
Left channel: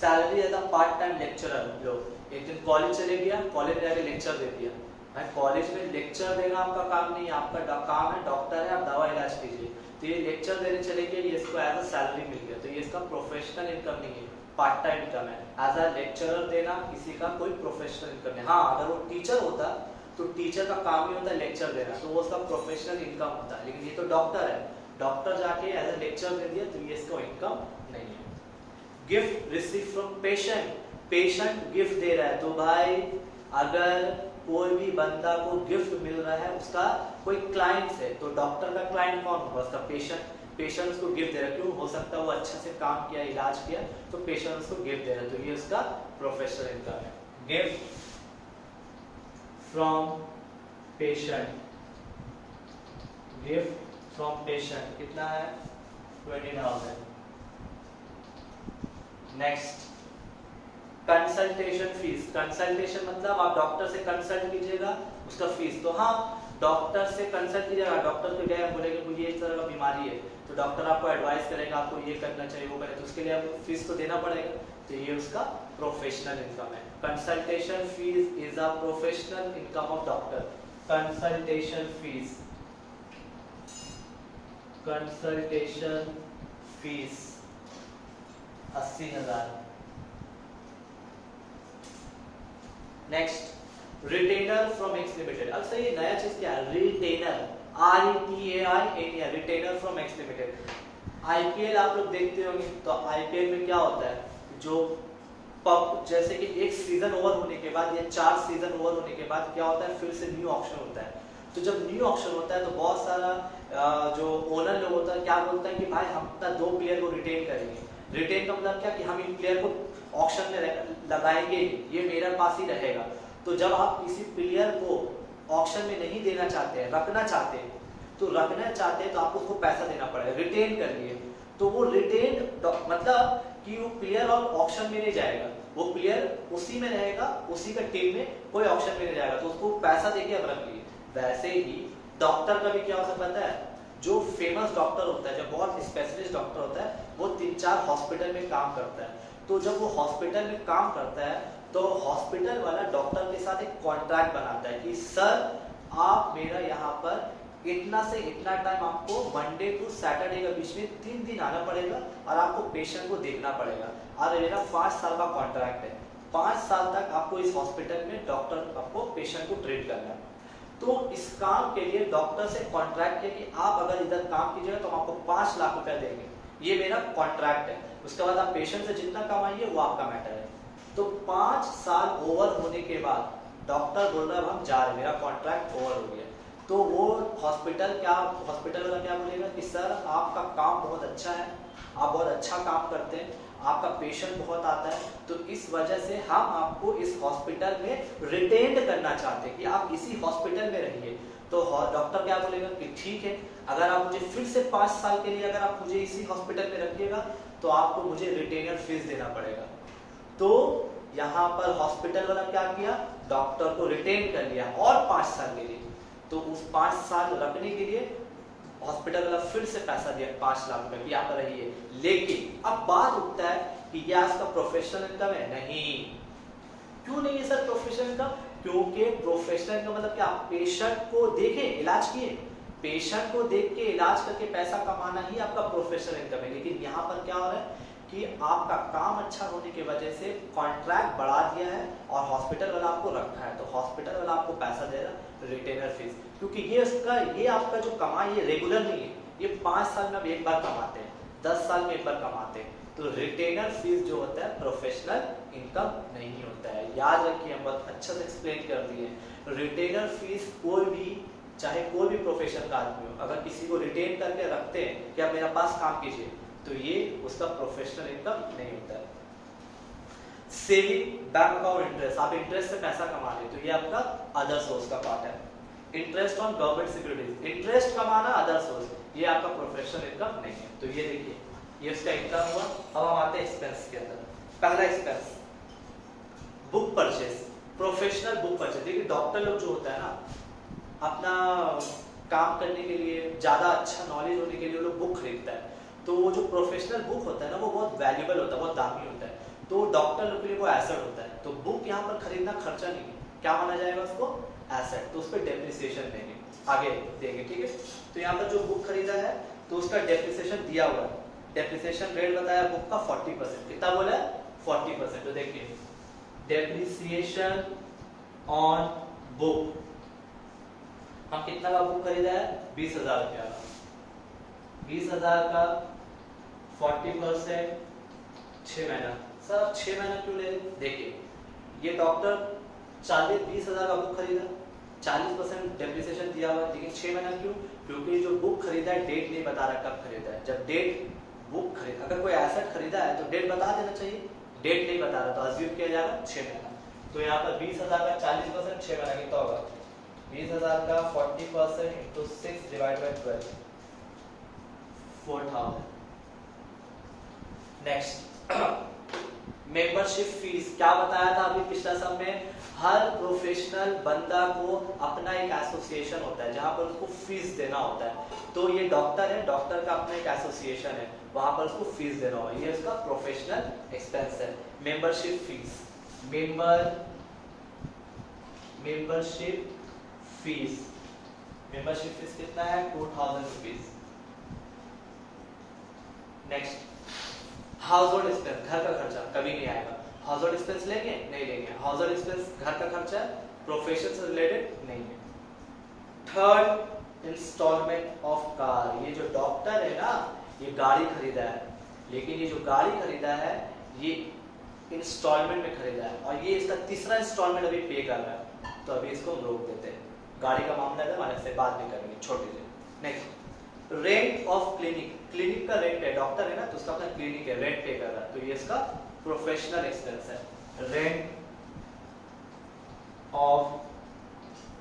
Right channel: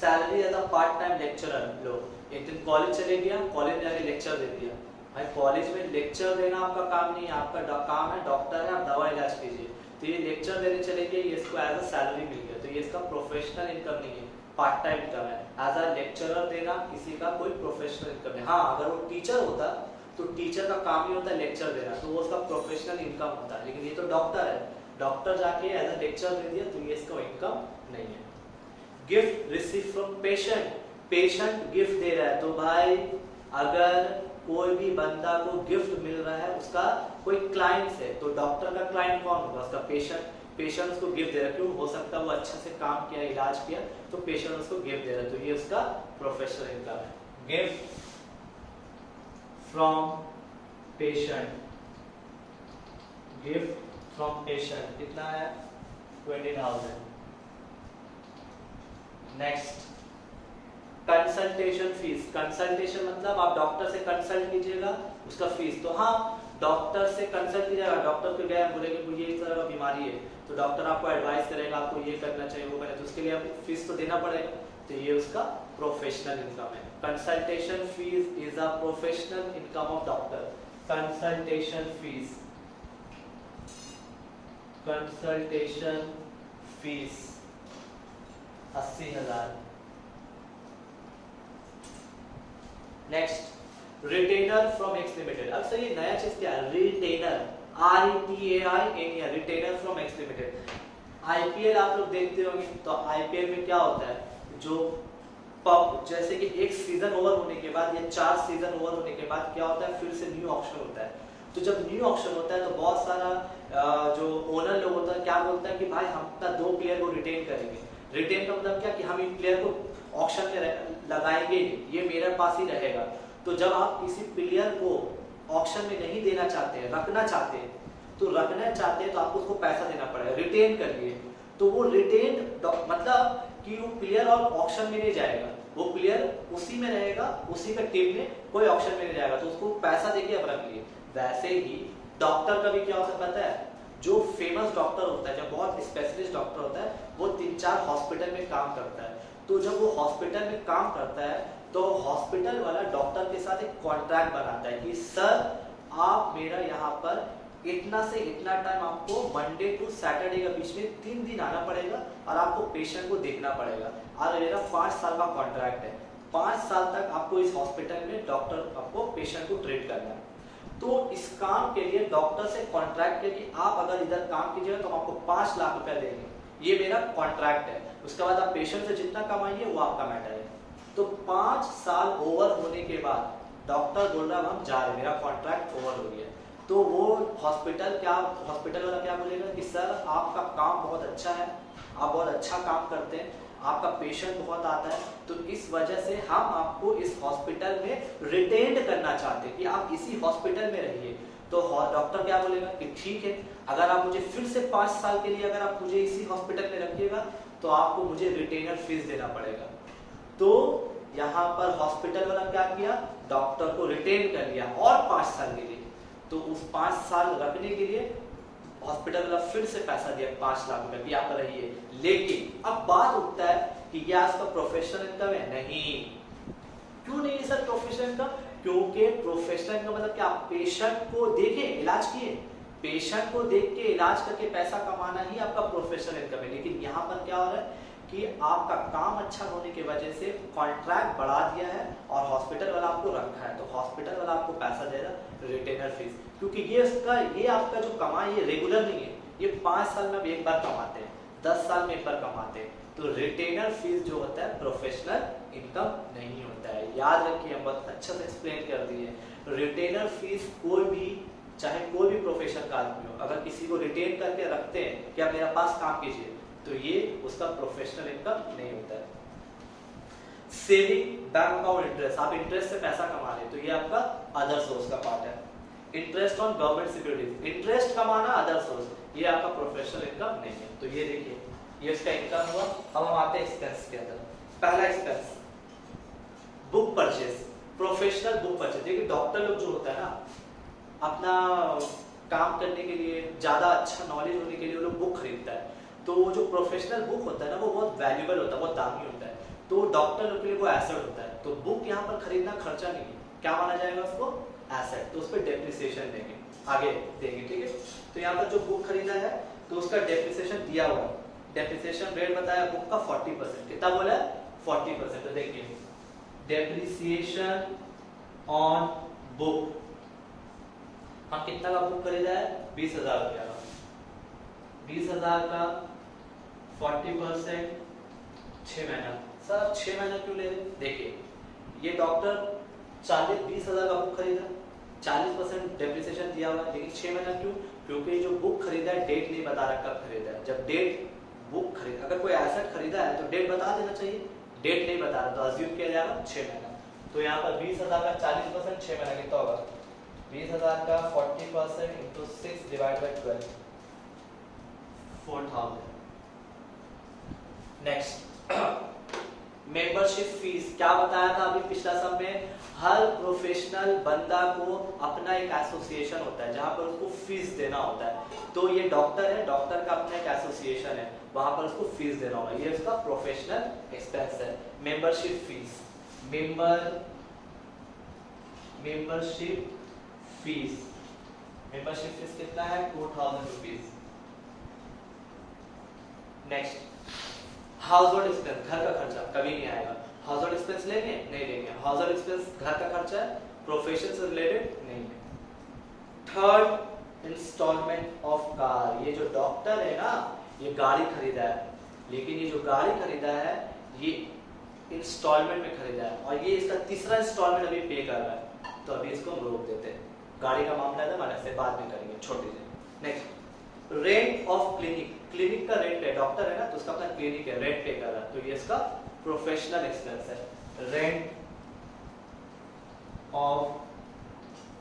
salary as a part time lecturer. लोग एक दिन कॉलेज चले गया, कॉलेज में जाके लेक्चर दे दिया। भाई कॉलेज में लेक्चर देना आपका काम नहीं है, आपका काम है डॉक्टर है, आप दवा इलाज कीजिए। तो ये लेक्चर देने चले गए, ये इसको एज अ सैलरी मिल गया, तो ये इसका प्रोफेशनल इनकम नहीं है, पार्ट टाइम इनकम है। एज अ लेक्चरर देना किसी का कोई प्रोफेशनल इनकम नहीं। हाँ, अगर वो टीचर होता तो टीचर का काम ही होता है लेक्चर देना, तो वो उसका प्रोफेशनल इनकम होता है। लेकिन ये तो डॉक्टर है, डॉक्टर जाके एज अ लेक्चर दे दिया, तो ये इसका इनकम नहीं है। Gift receive from patient, patient gift दे रहा है, तो भाई अगर कोई भी बंदा को गिफ्ट मिल रहा है उसका कोई क्लाइंट है, तो डॉक्टर का क्लाइंट कौन होगा? उसका पेशेंट। पेशेंट्स को गिफ्ट दे रहा है, क्यों? हो सकता है वो अच्छा से काम किया, इलाज किया, तो पेशेंट्स को गिफ्ट दे रहा है, तो ये उसका प्रोफेशनल इनकम है। Gift from patient, gift from patient कितना है? 20,000। Next, consultation fees. कंसल्टेशन मतलब आप डॉक्टर से कंसल्ट कीजिएगा, उसका फीस। तो हाँ, डॉक्टर से कंसल्ट कीजिएगा, डॉक्टर को गए बोलेंगे मुझे इस तरह का बीमारी है, तो डॉक्टर आपको एडवाइस करेगा आपको ये करना चाहिए, वो करना, तो उसके लिए आपको फीस तो देना पड़ेगा, तो ये उसका प्रोफेशनल इनकम है। Consultation fees is a professional income of doctor. Consultation fees, consultation fees 80,000। Next, retainer from x limited. अब सर ये नया चीज क्या है? Retainer, RETAIN, retainer from x limited. IPL आप लोग देखते होंगे, तो आईपीएल में क्या होता है, जो पब जैसे कि एक सीजन ओवर होने के बाद या 4 सीजन ओवर होने के बाद क्या होता है, फिर से न्यू ऑक्शन होता है। तो जब न्यू ऑक्शन होता है तो बहुत सारा जो ओनर लोग होता है क्या बोलता है कि भाई हम अपना 2 प्लेयर को रिटेन करेंगे। रिटेन का मतलब क्या कि हम इन प्लेयर को ऑक्शन में लगाएंगे, ये मेरे पास ही रहेगा। तो जब आप किसी प्लेयर को ऑक्शन में नहीं देना चाहते हैं, रखना चाहते हैं, तो रखना चाहते हैं तो आपको उसको पैसा देना पड़ेगा, रिटेन करिए। तो वो रिटेन मतलब कि वो प्लेयर और ऑक्शन में नहीं जाएगा, वो प्लेयर उसी में रहेगा, उसी का टीम में, कोई ऑक्शन में नहीं जाएगा, तो उसको पैसा देके अब रख लिए। वैसे ही डॉक्टर का भी क्या हो सकता है, जो फेमस डॉक्टर होता है, जो बहुत स्पेशलिस्ट डॉक्टर होता है, वो 3-4 हॉस्पिटल में काम करता है। तो जब वो हॉस्पिटल में काम करता है तो हॉस्पिटल वाला डॉक्टर के साथ एक कॉन्ट्रैक्ट बनाता है कि सर आप मेरा यहाँ पर इतना से इतना टाइम आपको मंडे टू सैटरडे के बीच में 3 दिन आना पड़ेगा और आपको पेशेंट को देखना पड़ेगा, और मेरा 5 साल का कॉन्ट्रैक्ट है। 5 साल तक आपको इस हॉस्पिटल में डॉक्टर आपको पेशेंट को ट्रीट करना है। तो इस काम के लिए डॉक्टर से कॉन्ट्रैक्ट किया कि आप अगर इधर काम कीजिएगा तो हम आपको 5 लाख रुपए देंगे, ये मेरा कॉन्ट्रैक्ट है। उसके बाद आप पेशेंट से जितना कमाइए वो आपका मैटर है। तो 5 साल ओवर होने के बाद डॉक्टर बोल रहा है हम जा रहे, मेरा कॉन्ट्रैक्ट ओवर हो गया, तो वो हॉस्पिटल वाला क्या बोलेगा कि सर आपका काम बहुत अच्छा है, आप बहुत अच्छा काम करते हैं, आपका पेशेंट बहुत आता है, तो इस वजह से हम आपको इस हॉस्पिटल में रिटेन करना चाहते हैं कि आप इसी हॉस्पिटल में रहिए। तो डॉक्टर क्या बोलेगा कि ठीक है, अगर आप मुझे फिर से 5 साल के लिए अगर आप मुझे इसी हॉस्पिटल में रखिएगा तो आपको मुझे रिटेनर फीस देना पड़ेगा। तो यहाँ पर हॉस्पिटल वाला क्या किया, डॉक्टर को रिटेन कर लिया और 5 साल के लिए। तो उस 5 साल रखने के लिए हॉस्पिटल वाला फिर से पैसा दिया 5 लाख रुपए की आप रहिए। लेकिन अब बात उठता है कि क्या इसका प्रोफेशनल इनकम है? नहीं। क्यों नहीं है सर प्रोफेशनल इनकम? क्योंकि प्रोफेशनल इनकम मतलब क्या, पेशेंट को देखे इलाज किए, पेशेंट को देख के इलाज करके पैसा कमाना ही आपका प्रोफेशनल इनकम है। लेकिन यहाँ पर क्या हो रहा है कि आपका काम अच्छा होने की वजह से कॉन्ट्रैक्ट बढ़ा दिया है और हॉस्पिटल वाला आपको रखा है, तो हॉस्पिटल वाला आपको पैसा दे रहा है रिटेनर फीस, क्योंकि ये आपका जो कमाई ये रेगुलर नहीं है, ये 5 साल में आप एक बार कमाते हैं, 10 साल में एक बार कमाते हैं। तो रिटेनर फीस जो होता है प्रोफेशनल इनकम नहीं होता है। याद रखिए, हम बहुत अच्छा से एक्सप्लेन कर दिए। रिटेनर फीस कोई भी, चाहे कोई भी प्रोफेशन का आदमी हो, अगर किसी को रिटेन करके रखते हैं कि आप मेरे पास काम कीजिए, तो ये उसका प्रोफेशनल इनकम नहीं होता है। सेविंग बैंक अकाउंट इंटरेस्ट, आप इंटरेस्ट से पैसा कमा रहे, तो ये आपका अदर सोर्स का पार्ट है। Interest on government securities, interest कमाना अदर सोर्स, ये आपका प्रोफेशनल इनकम नहीं है। तो ये देखिए, ये इसका इनकम हुआ। अब हम आते हैं एक्सपेंस के अंदर। पहला expense book purchase, professional book purchase. देखिए डॉक्टर लोग जो होता है ना, अपना काम करने के लिए, ज्यादा अच्छा नॉलेज होने के लिए वो लोग बुक खरीदता है। तो वो जो प्रोफेशनल बुक होता है ना, वो बहुत वैल्यूएबल होता है, बहुत दामी होता है, तो डॉक्टर लोग के लिए वो एसेट होता है। तो बुक यहाँ पर खरीदना खर्चा नहीं है, क्या माना जाएगा उसको, एसेट, तो उस पर डेप्रिसिएशन देंगे, आगे देंगे, ठीक है। तो यहाँ पर जो बुक खरीदा है तो उसका डेप्रिसिएशन दिया हुआ है, डेप्रिसिएशन रेट बताया बुक का 40%, कितना बोला है 40%। तो देखिए डेप्रिसिएशन ऑन बुक, हम कितना का बुक खरीदा है, 20,000 रुपया का, 20,000 का 40% 6 महीना। सर 6 महीना क्यों ले रहे? देखिए ये डॉक्टर 20,000 का बुक खरीदा, 40% डेप्रिसिएशन दिया हुआ है, लेकिन 6 महीना क्यों? क्योंकि जो बुक खरीदा है डेट नहीं बता रहा कब खरीदा है। जब डेट बुक खरीदा, अगर कोई एसेट खरीदा है तो डेट बता देना चाहिए, डेट नहीं बता रहा तो अज्यूम किया जाएगा 6 महीना। तो यहाँ पर 20,000 का 40% 6 महीना कितना होगा? 20,000 का 40% into 6 divide by 12, 4,000। Next membership fees, क्या बताया था अभी पिछला सम में? हर प्रोफेशनल बंदा को अपना एक एसोसिएशन होता है जहां पर उसको फीस देना होता है। तो ये डॉक्टर है, डॉक्टर का अपना एक एसोसिएशन है, वहां पर उसको फीस देना होगा, ये उसका प्रोफेशनल एक्सपेंस है। मेंबरशिप फीस, मेंबरशिप फीस कितना है? 2,000 rupees. Next house hold expense, घर का खर्चा कभी नहीं आएगा। हाउस होल्ड एक्सपेंस लेंगे? नहीं लेंगे। हाउस होल्ड एक्सपेंस घर का खर्चा है, प्रोफेशन से रिलेटेड नहीं है। थर्ड इंस्टॉलमेंट ऑफ कार, ये जो डॉक्टर है ना, ये गाड़ी खरीदा है, लेकिन ये जो गाड़ी खरीदा है ये इंस्टॉलमेंट में खरीदा है और ये इसका तीसरा इंस्टॉलमेंट अभी पे कर रहा है, तो अभी इसको हम रोक देते हैं। गाड़ी का मामला है, अलग से बाद में करेंगे, छोड़ दीजिए। Next rent of clinic, clinic का रेंट है, डॉक्टर है ना तो उसका अपना क्लिनिक है, रेंट पे कर रहा है, तो ये इसका प्रोफेशनल एक्सपेंस है। Rent of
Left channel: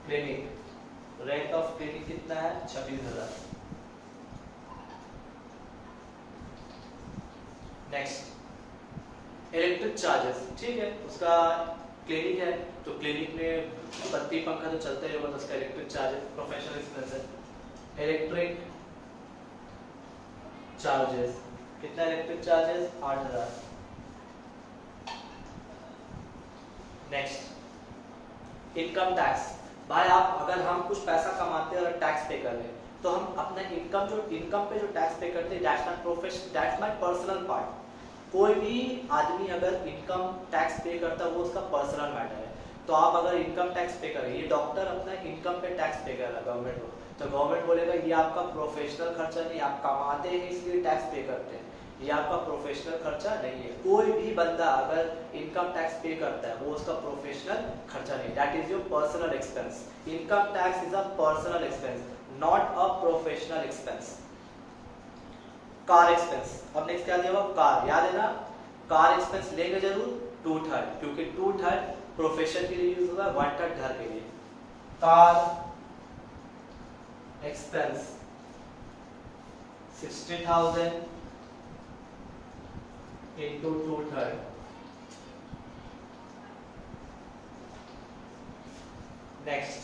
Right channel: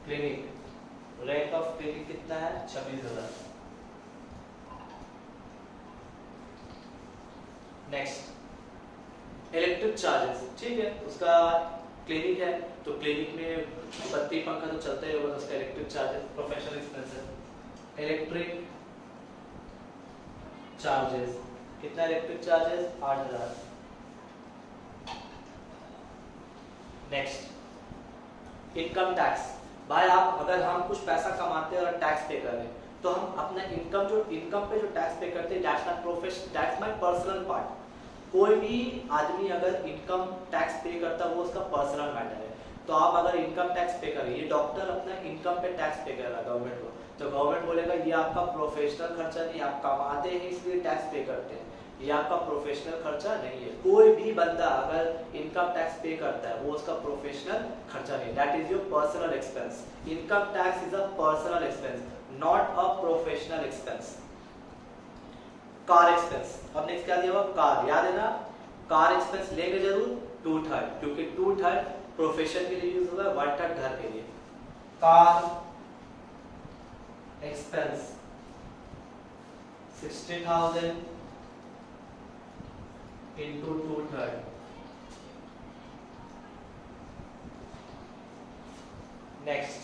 clinic, rent of clinic कितना है? 26,000। नेक्स्ट इलेक्ट्रिक चार्जेस, ठीक है, उसका क्लिनिक है तो क्लिनिक में बत्ती पंखा तो चलता ही होगा, तो उसका इलेक्ट्रिक चार्जेस प्रोफेशनल एक्सपेंस है। इलेक्ट्रिक चार्जेस कितना? Electric charges 8,000। Next income tax, भाई आप अगर हम कुछ पैसा कमाते हैं और टैक्स पे कर लें तो हम अपना इनकम पे जो टैक्स पे करते हैं, दैट्स माय पर्सनल पार्ट। कोई भी आदमी अगर इनकम टैक्स पे करता है वो उसका पर्सनल मैटर है। तो आप अगर इनकम टैक्स पे करें, ये डॉक्टर अपना इनकम पे टैक्स पे कर रहा है गवर्नमेंट को, तो गवर्नमेंट बोलेगा ये आपका प्रोफेशनल खर्चा नहीं, आप कमाते हैं इसलिए टैक्स पे करते हैं, ये आपका प्रोफेशनल खर्चा नहीं है। कोई भी बंदा अगर इनकम टैक्स पे करता है वो उसका प्रोफेशनल खर्चा नहीं, that is your personal expense. Income tax is a personal expense, not a professional expense. Car expense, अब नेक्स्ट क्या दिया हुआ? कार, याद है ना, कार एक्सपेंस लेंगे जरूर 2/3, क्योंकि 2/3 प्रोफेशन के लिए यूज होगा, 1/3 घर के लिए। Car expense 60,000 into 2/3। Next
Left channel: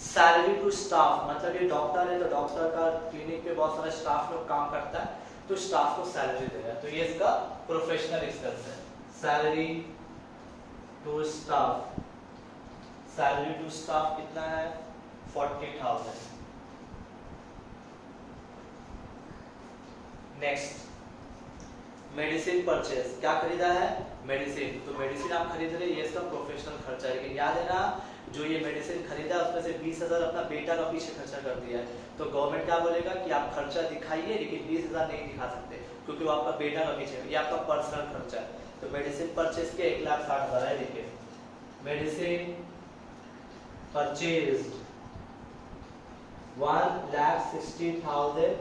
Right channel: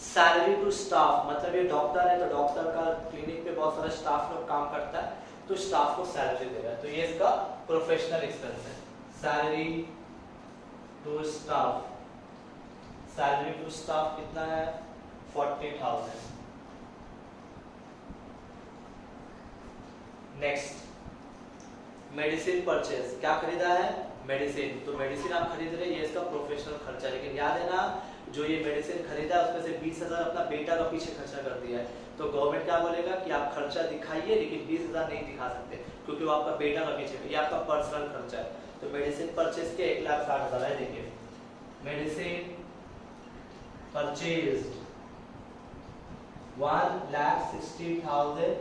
salary to staff, मतलब ये डॉक्टर है तो डॉक्टर का क्लिनिक पे बहुत सारा स्टाफ लोग काम करता है तो स्टाफ को सैलरी देगा, तो ये इसका प्रोफेशनल एक्सपेंस है। Salary to staff, salary to staff कितना है? 40,000। नेक्स्ट मेडिसिन परचेज, क्या खरीदा है? मेडिसिन, तो मेडिसिन आप खरीद रहे हैं, ये इसका प्रोफेशनल खर्चा है। लेकिन याद है ना, जो ये मेडिसिन खरीदा है उसमें से 20,000 अपना बेटा का पीछे खर्चा कर दिया है, तो गवर्नमेंट क्या बोलेगा कि आप खर्चा दिखाइए लेकिन 20,000 नहीं दिखा सकते क्योंकि वो आपका बेटा का पीछे, ये आपका पर्सनल खर्चा है। तो मेडिसिन परचेज के 1,60,000 है। देखिए मेडिसिन परचेज 1,60,000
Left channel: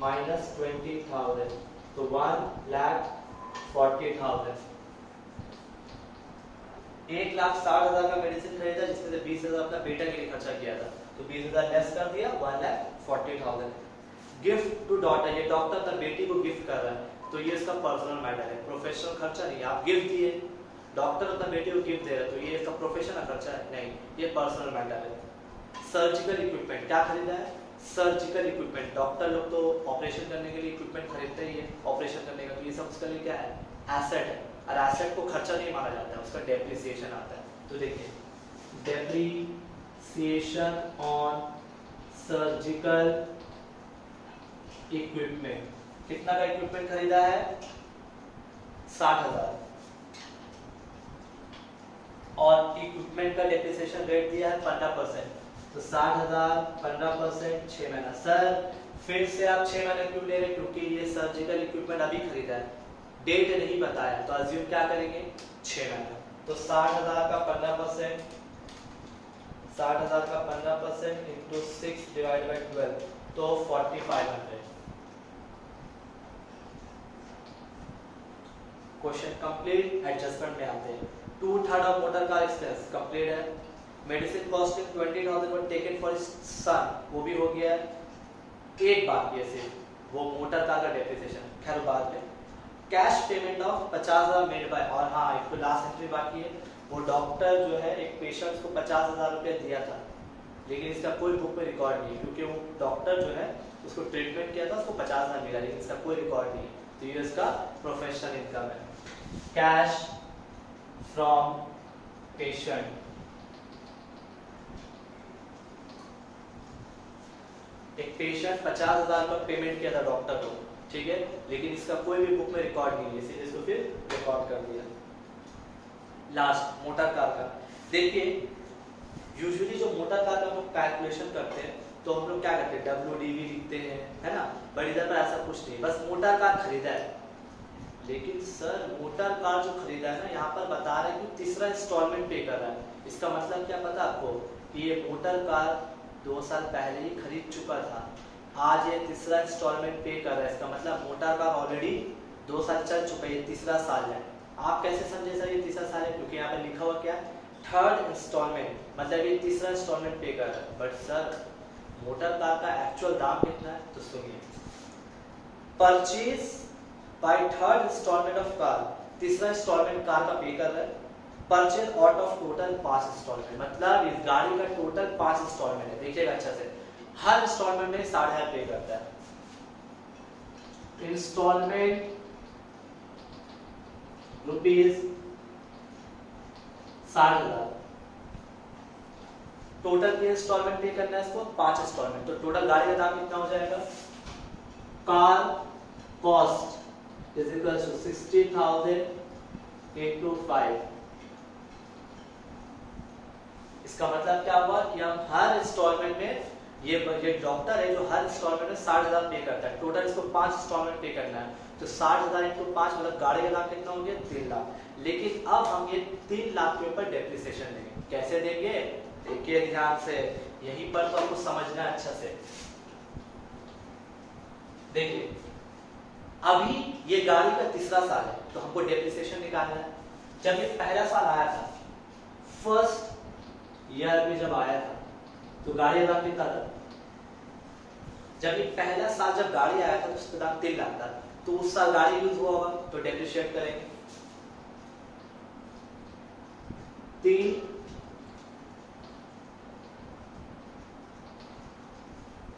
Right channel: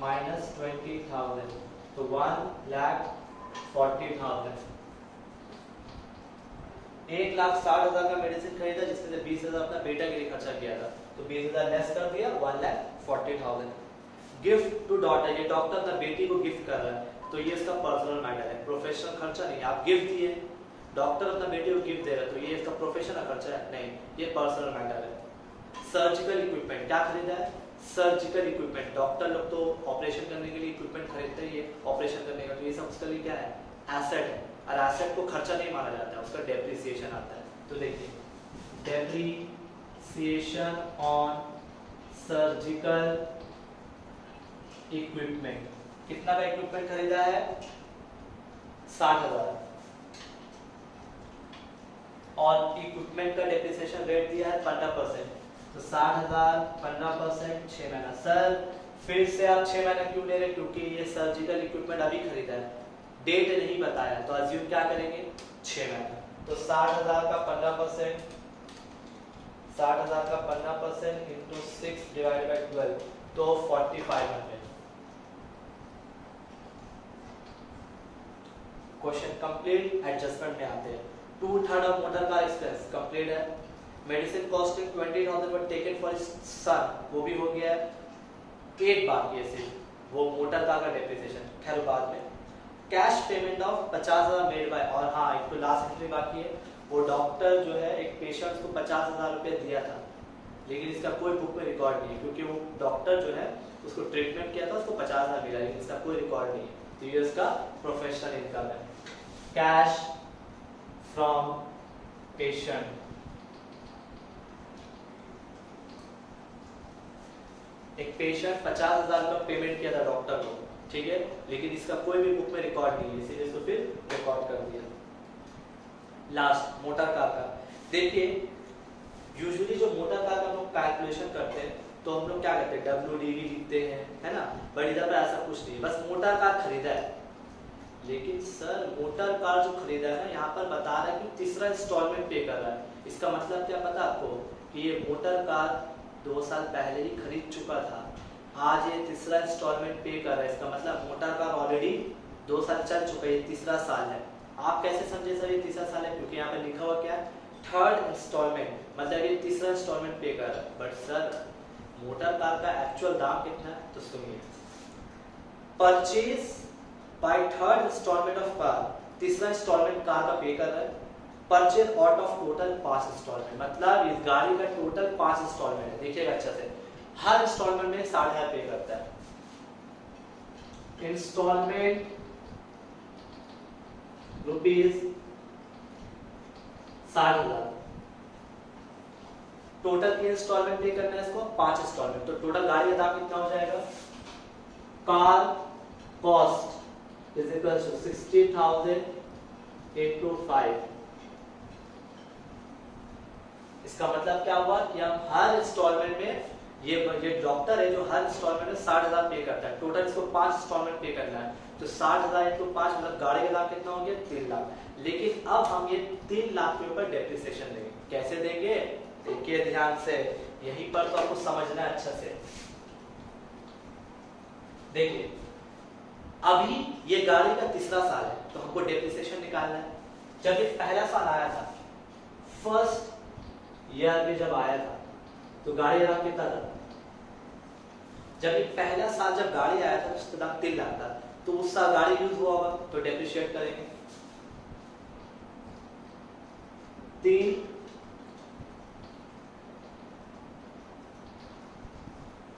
माइनस 20,000, तो 1,40,000। 1,60,000 का मेडिसिन खरीदा जिसमें से 20,000 अपना बेटा के लिए खर्चा किया था, तो 20,000 लेस कर दिया, 1,40,000। गिफ्ट टू डॉटर, ये डॉक्टर अपना बेटी को गिफ्ट कर रहा है तो ये इसका पर्सनल मैटर है, प्रोफेशनल खर्चा नहीं। आप गिफ्ट दिए, डॉक्टर अपना बेटी को गिफ्ट दे रहा है तो ये इसका प्रोफेशनल खर्चा है नहीं, ये पर्सनल मैटर है। सर्जिकल इक्विपमेंट, क्या खरीदा है? सर्जिकल इक्विपमेंट, डॉक्टर लोग तो ऑपरेशन करने के लिए इक्विपमेंट खरीदते ही है ऑपरेशन करने का, तो ये सब उसके लिए क्या है? एसेट है, और एसेट को खर्चा नहीं माना जाता है, उसका डेप्रिसिएशन आता है। तो देखिए डेप्रिसिएशन ऑन सर्जिकल इक्विपमेंट, कितना का इक्विपमेंट खरीदा है? 60,000, और इक्विपमेंट का डेप्रिसिएशन रेट दिया है 15%, तो 60,000 15% 6 महीना। सर फिर से आप 6 महीना क्यों ले रहे? क्योंकि ये सर्जिकल इक्विपमेंट अभी खरीदा है, डेट नहीं बताया, तो अज्यूम क्या करेंगे? 6 महीना। तो 60,000 का 15%, 60,000 का 15% इंटू 6 डिवाइड बाई 12, तो 4500। Question complete. एडजस्टमेंट में आते हैं। 2/3 of motor car expense complete है। Medicine costing 20,000 were taken for his son, वो भी हो गया है। एक बात ये से वो मोटर कार का डेप्रिसिएशन, खैर बाद में। Cash payment of 50,000 made by, और हाँ एक तो लास्ट एंट्री बाकी है, वो डॉक्टर जो है एक पेशेंट को 50,000 रुपए दिया था, लेकिन इसका कोई बुक में रिकॉर्ड नहीं है, क्योंकि वो डॉक्टर जो है उसको ट्रीटमेंट किया था, उसको 50,000 मिला, लेकिन इसका कोई रिकॉर्ड नहीं है। तो ये इसका प्रोफेशनल इनकम है। कैश फ्रॉम पेशेंट, एक पेशेंट 50,000 का पेमेंट किया था डॉक्टर को, ठीक है, लेकिन इसका कोई भी बुक में रिकॉर्ड नहीं है, इसीलिए इसको फिर रिकॉर्ड कर दिया। लास्ट मोटर कार का देखिए, यूजुअली जो मोटर कार का हम लोग कैलकुलेशन करते हैं तो हम लोग क्या करते हैं, WDV लिखते हैं, है ना, बट इधर पर ऐसा कुछ नहीं, बस मोटर कार खरीदा है। लेकिन सर मोटर कार जो खरीदा है ना, यहाँ पर बता रहा है कि तीसरा इंस्टॉलमेंट पे कर रहा है। इसका मतलब क्या पता आपको, कि ये मोटर कार 2 साल पहले ही खरीद चुका था, आज ये तीसरा इंस्टॉलमेंट पे कर रहा है। इसका मतलब मोटर कार ऑलरेडी 2 साल चल चुका है, ये तीसरा साल है। आप कैसे समझे सर ये तीसरा साल है, क्योंकि यहाँ पे लिखा हुआ क्या है, 3rd इंस्टॉलमेंट, मतलब ये तीसरा इंस्टॉलमेंट पे कर रहा है। बट सर मोटर कार का एक्चुअल दाम कितना है, तो सुनिए, purchase by 3rd instalment of car, तीसरा इंस्टॉलमेंट कार का पे कर रहा है। Purchase out of total 5 instalment, मतलब इस गाड़ी का टोटल 5 इंस्टॉलमेंट है। देखिएगा अच्छा से, हर इंस्टॉलमेंट में 60,000 पे करता है। इंस्टॉलमेंट रुपीज 60,000, टोटल के इंस्टॉलमेंट पे करना है इसको 5 इंस्टॉलमेंट, तो टोटल गाड़ी का दाम कितना हो जाएगा, car cost is equal to 60,000 into 5। इसका मतलब क्या हुआ कि हम हर इंस्टॉलमेंट में, ये डॉक्टर है जो हर इंस्टॉलमेंट में 60,000 पे करता है, टोटल इसको 5 इंस्टॉलमेंट पे करना है, तो 60,000 into 5 मतलब गाड़ी का दाम कितना हो गया, 3 लाख। लेकिन अब हम ये 3 लाख के ऊपर डेप्रिसिएशन देंगे। कैसे देंगे, देखिए ध्यान से, यहीं पर तो आपको समझना है अच्छा से। देखिए अभी ये गाड़ी का तीसरा साल है, तो हमको डेप्रिसिएशन निकालना है। जब ये पहला साल आया था, फर्स्ट ईयर में जब आया था, तो गाड़ी का दाम कितना था, जब ये पहला साल जब गाड़ी आया था तो उसका दाम 3 लाख था, तो उस साल गाड़ी यूज हुआ होगा, तो डेप्रिशिएट करेंगे।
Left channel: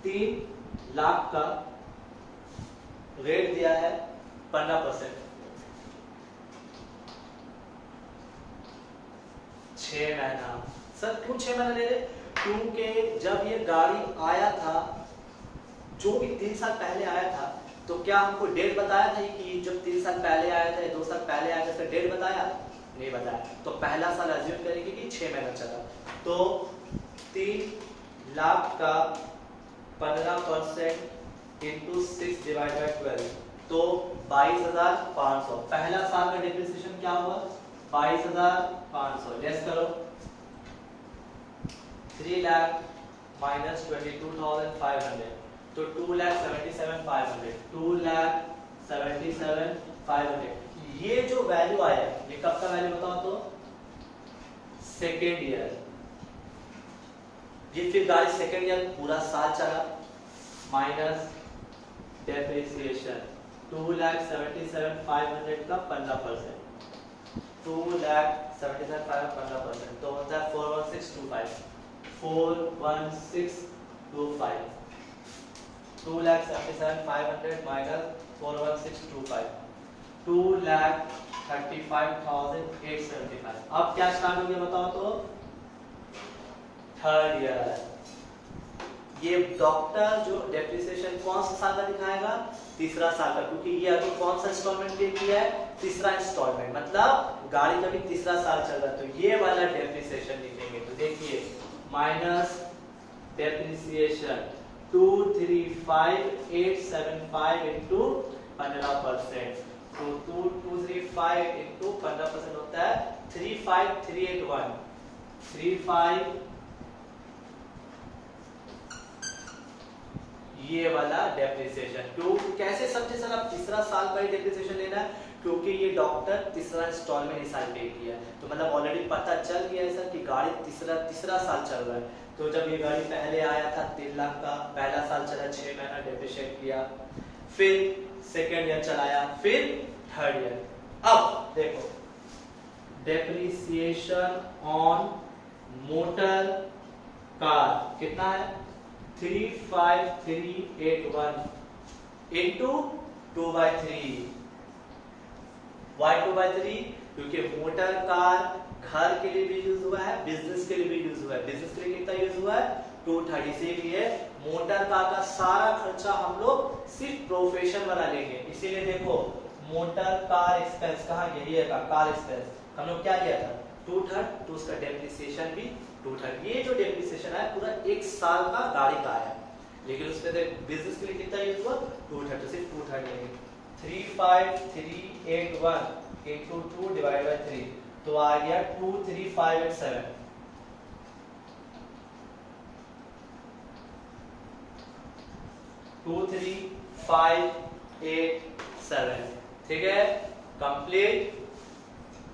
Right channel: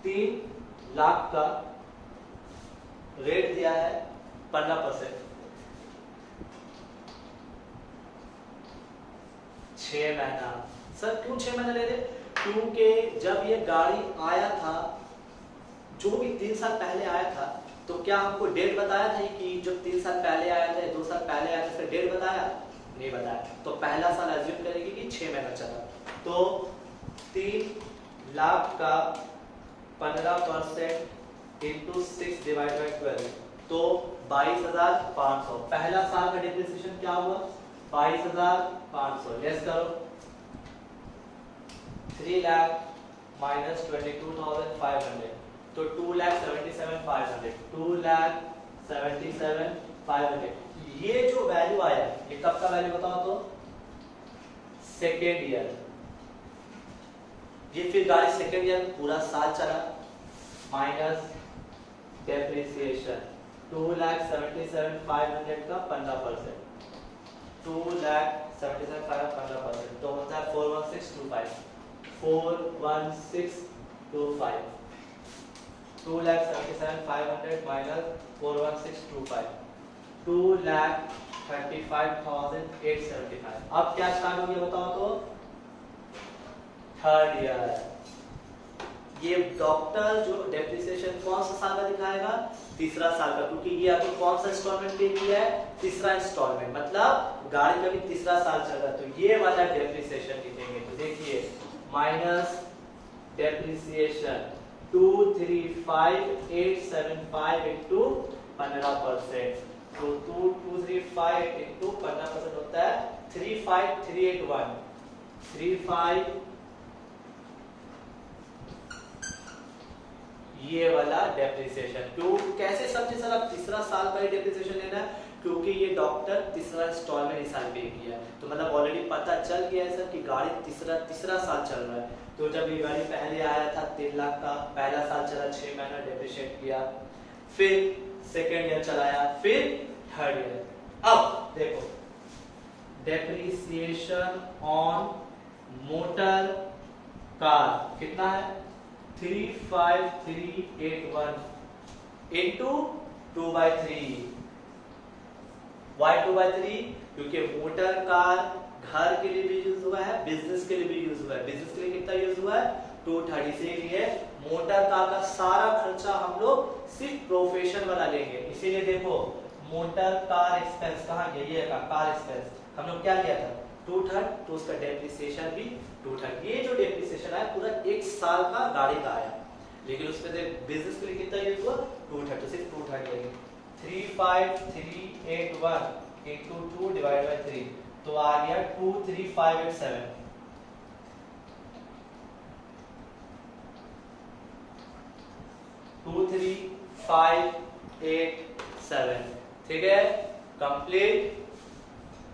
3 लाख का रेट दिया है 15%, 6 महीना। सर क्यों 6 महीना ले रहे, क्योंकि जब ये गाड़ी आया था, जो भी 3 साल पहले आया था, तो क्या हमको डेट बताया था कि जब 3 साल पहले आया था, 2 साल पहले आया था, इसका डेट बताया नहीं बताया, तो पहला साल अज्यूम करेंगे कि 6 महीना चला। तो 3 लाख का 15% इंटू 6 डिवाइड बाई 12, तो 22,500। पहला साल का डिप्रिसिएशन क्या हुआ, 22,500, लेस करो, 3 लाख माइनस 22,500, तो 2,77,500, 2,77,500। ये जो वैल्यू आया, ये कब का वैल्यू बताओ तो, सेकेंड ईयर। ये फिर गाड़ी सेकेंड ईयर पूरा साल चला, माइनस डेप्रिसिएशन 2,77,500 का 15%, 2,77,500 15%, तो होता है 41625, 41625, 2,77,500 माइनस 41625, 2,35,875। अब क्या स्टार्ट हो गया बताओ तो, थर्ड ईयर। ये डॉक्टर जो डेप्रिसिएशन कौन सा साल का दिखाएगा, तीसरा साल का, क्योंकि ये अभी कौन सा इंस्टॉलमेंट पे किया है, तीसरा इंस्टॉलमेंट, मतलब गाड़ी का भी तीसरा साल चल रहा है, तो ये वाला डेप्रिसिएशन लिखेंगे। तो देखिए माइनस डेप्रिसिएशन 235,875 इंटू 15%, तो 2,235 इंटू 15% होता है 35381 35 ये वाला डेप्रिसिएशन। क्यों कैसे समझे सर आप तीसरा साल का ही डेप्रिसिएशन लेना है? क्योंकि ये डॉक्टर तीसरा इंस्टॉलमेंट इस साल पे किया है, तो मतलब ऑलरेडी पता चल गया है सर कि गाड़ी तीसरा साल चल रहा है। तो जब ये गाड़ी पहले आया था 3 लाख का, पहला साल चला 6 महीना डेप्रिशिएट किया, फिर सेकेंड ईयर चलाया, फिर थर्ड ईयर। अब देखो डेप्रिसिएशन ऑन मोटर कार कितना है 35381 इंटू 2/3। Why 2/3? क्योंकि मोटर कार घर के लिए भी यूज हुआ है, बिजनेस के लिए भी यूज हुआ है। बिजनेस के लिए कितना यूज हुआ है 230 से लिए मोटर कार का सारा खर्चा हम लोग सिर्फ प्रोफेशन वाला लेंगे। इसीलिए देखो मोटर कार एक्सपेंस कहाँ गया, ये कार एक्सपेंस हम लोग क्या लिया था 2/3, तो उसका डेप्रिसिएशन भी 2/3। ये जो डेप्रिसिएशन है पूरा 1 साल का गाड़ी का आया, लेकिन उसमें बिजनेस के लिए कितना यूज हुआ 2/3, तो सिर्फ 2/3 लेंगे। 35381 into 2 divided by 3, तो आ गया 23587। 23587 ठीक है कंप्लीट।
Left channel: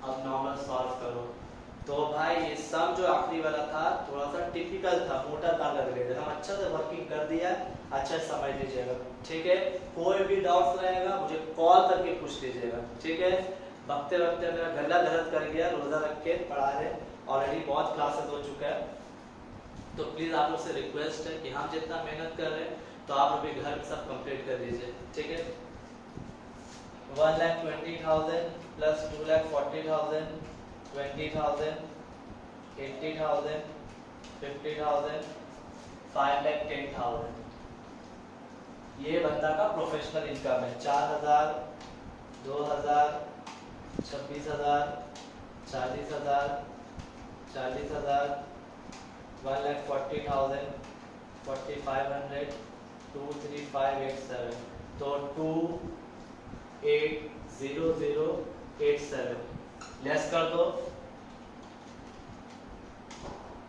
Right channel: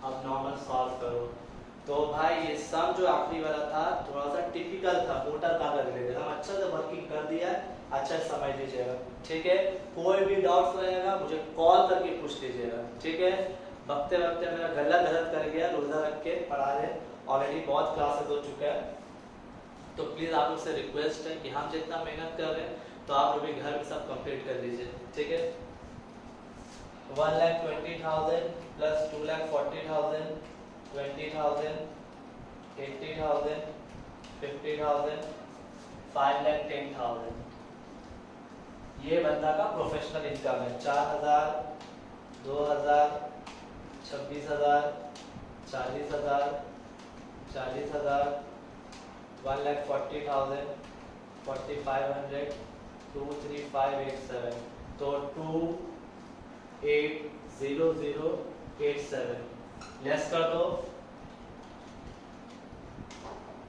अब नॉर्मल सॉल्व करो। तो भाई ये सम जो आखिरी वाला था थोड़ा सा टिपिकल था, मोटर कार का रिलेटेड, हम अच्छा से वर्किंग कर दिया है, अच्छा समझ लीजिएगा ठीक है। कोई भी डाउट्स रहेगा मुझे कॉल करके पूछ लीजिएगा ठीक है। वक्ते वक्ते मेरा गला दर्द कर गया, रोजा रख के पढ़ा रहे, ऑलरेडी बहुत क्लासेस हो चुका है, तो प्लीज आप लोग से रिक्वेस्ट है कि हम जितना मेहनत कर रहे हैं तो आप लोग भी घर में सब कंप्लीट कर लीजिए ठीक है। 1,20,000 प्लस 2,40,000 20,000 80,000 50,000 5,10,000 ये बंदा का प्रोफेशनल इनकम है। 4,000 2,000 26,000 40,000 40,000 1,40,000 4,500 2,3587 तो 2,800,87 लेस कर दो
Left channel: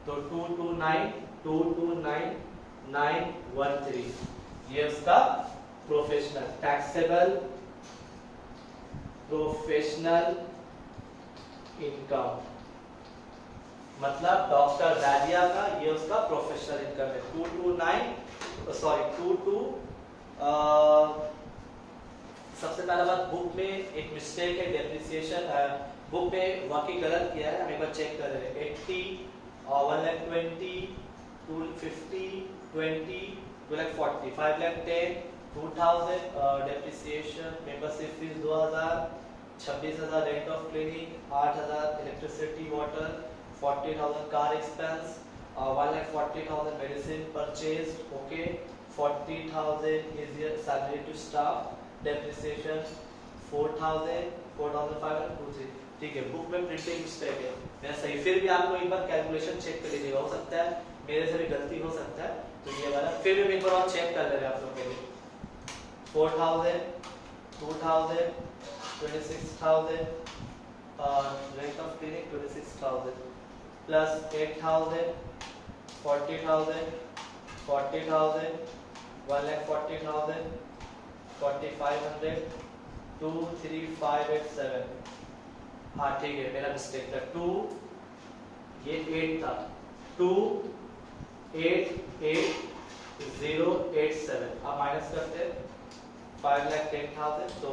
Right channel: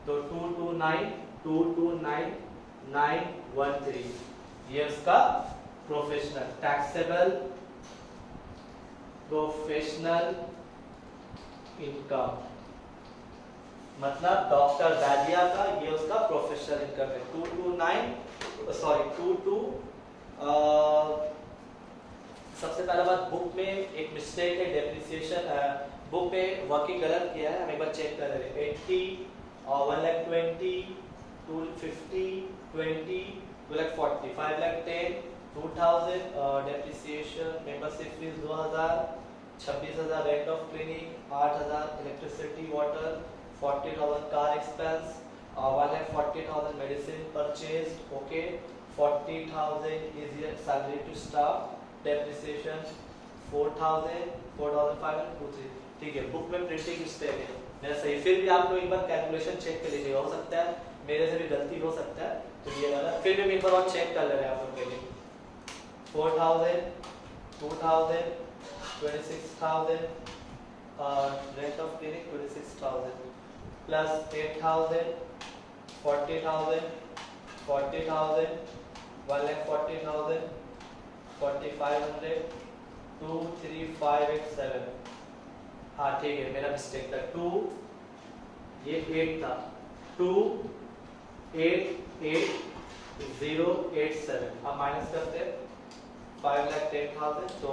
तो 229,913 ये उसका प्रोफेशनल टैक्सेबल प्रोफेशनल इनकम, मतलब डॉक्टर दादिया का ये उसका प्रोफेशनल इनकम है। 22 सबसे पहला बात बुक में एक मिस्टेक है, डेप्रिसिएशन बुक में वर्किंग गलत किया है, हम एक बार चेक कर रहे हैं। 80 और 1,20,000 250 20 2,40,000 5,10,000 2,000 depreciation, membership fees 2,000 26,000 rent of clinic 8,000 electricity water 40,000 car expense 1,40,000 medicine purchase okay 40,000 is salary to staff depreciation 4,500 ठीक है। बुक में प्रिंटिंग मिस्टेक है मैं सही, फिर भी आप लोग एक बार कैलकुलेशन चेक कर लीजिएगा, हो सकता है मेरे से भी गलती हो सकता है, तो ये वाला फिर भी एक बार और चेक कर ले रहे हैं आप लोग के लिए। 4,000 2,000 26,000 रेंट ऑफ क्लिनिक 26,000 प्लस 8,000 40,000 40,000 1,40,000 4,500 2,3587 हाँ ठीक है मेरा मिस्टेक था 2 ये 8 था 2,880,87 अब माइनस करते हैं 5,10,000 तो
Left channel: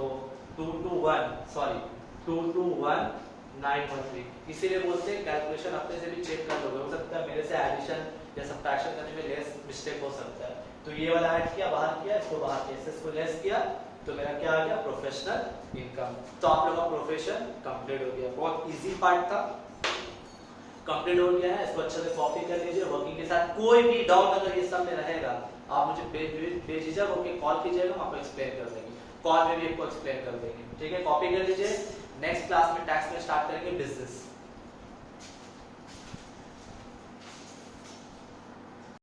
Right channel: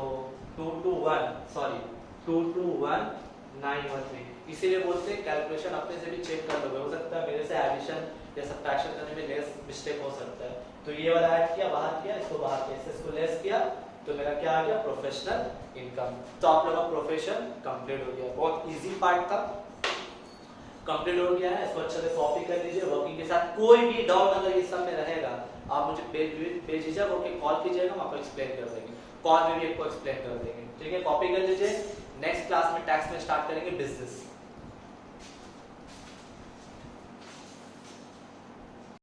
2,21,913 इसीलिए बोलते हैं कैलकुलेशन अपने से भी चेक कर लोगे, हो सकता है मेरे से एडिशन या सब्ट्रैक्शन करने में लेस मिस्टेक हो सकता है। तो ये वाला ऐड किया बाहर किया, इसको बाहर किया, इसको लेस किया, तो मेरा क्या आ गया प्रोफेशनल इनकम। तो आप लोगों का प्रोफेशन कंप्लीट हो गया, बहुत इजी पार्ट था, कंप्लीट हो गया है। इसको अच्छे से कॉपी कर लीजिए वर्किंग के साथ। कोई भी डाउट अगर इस सब में रहेगा आप मुझे भेजिएगा, ओके कॉल कीजिएगा, हम आपको एक्सप्लेन कर देंगे, कॉल में भी आपको एक्सप्लेन कर देंगे ठीक है। कॉपी कर लीजिए, नेक्स्ट क्लास में टैक्स में स्टार्ट करेंगे बिजनेस।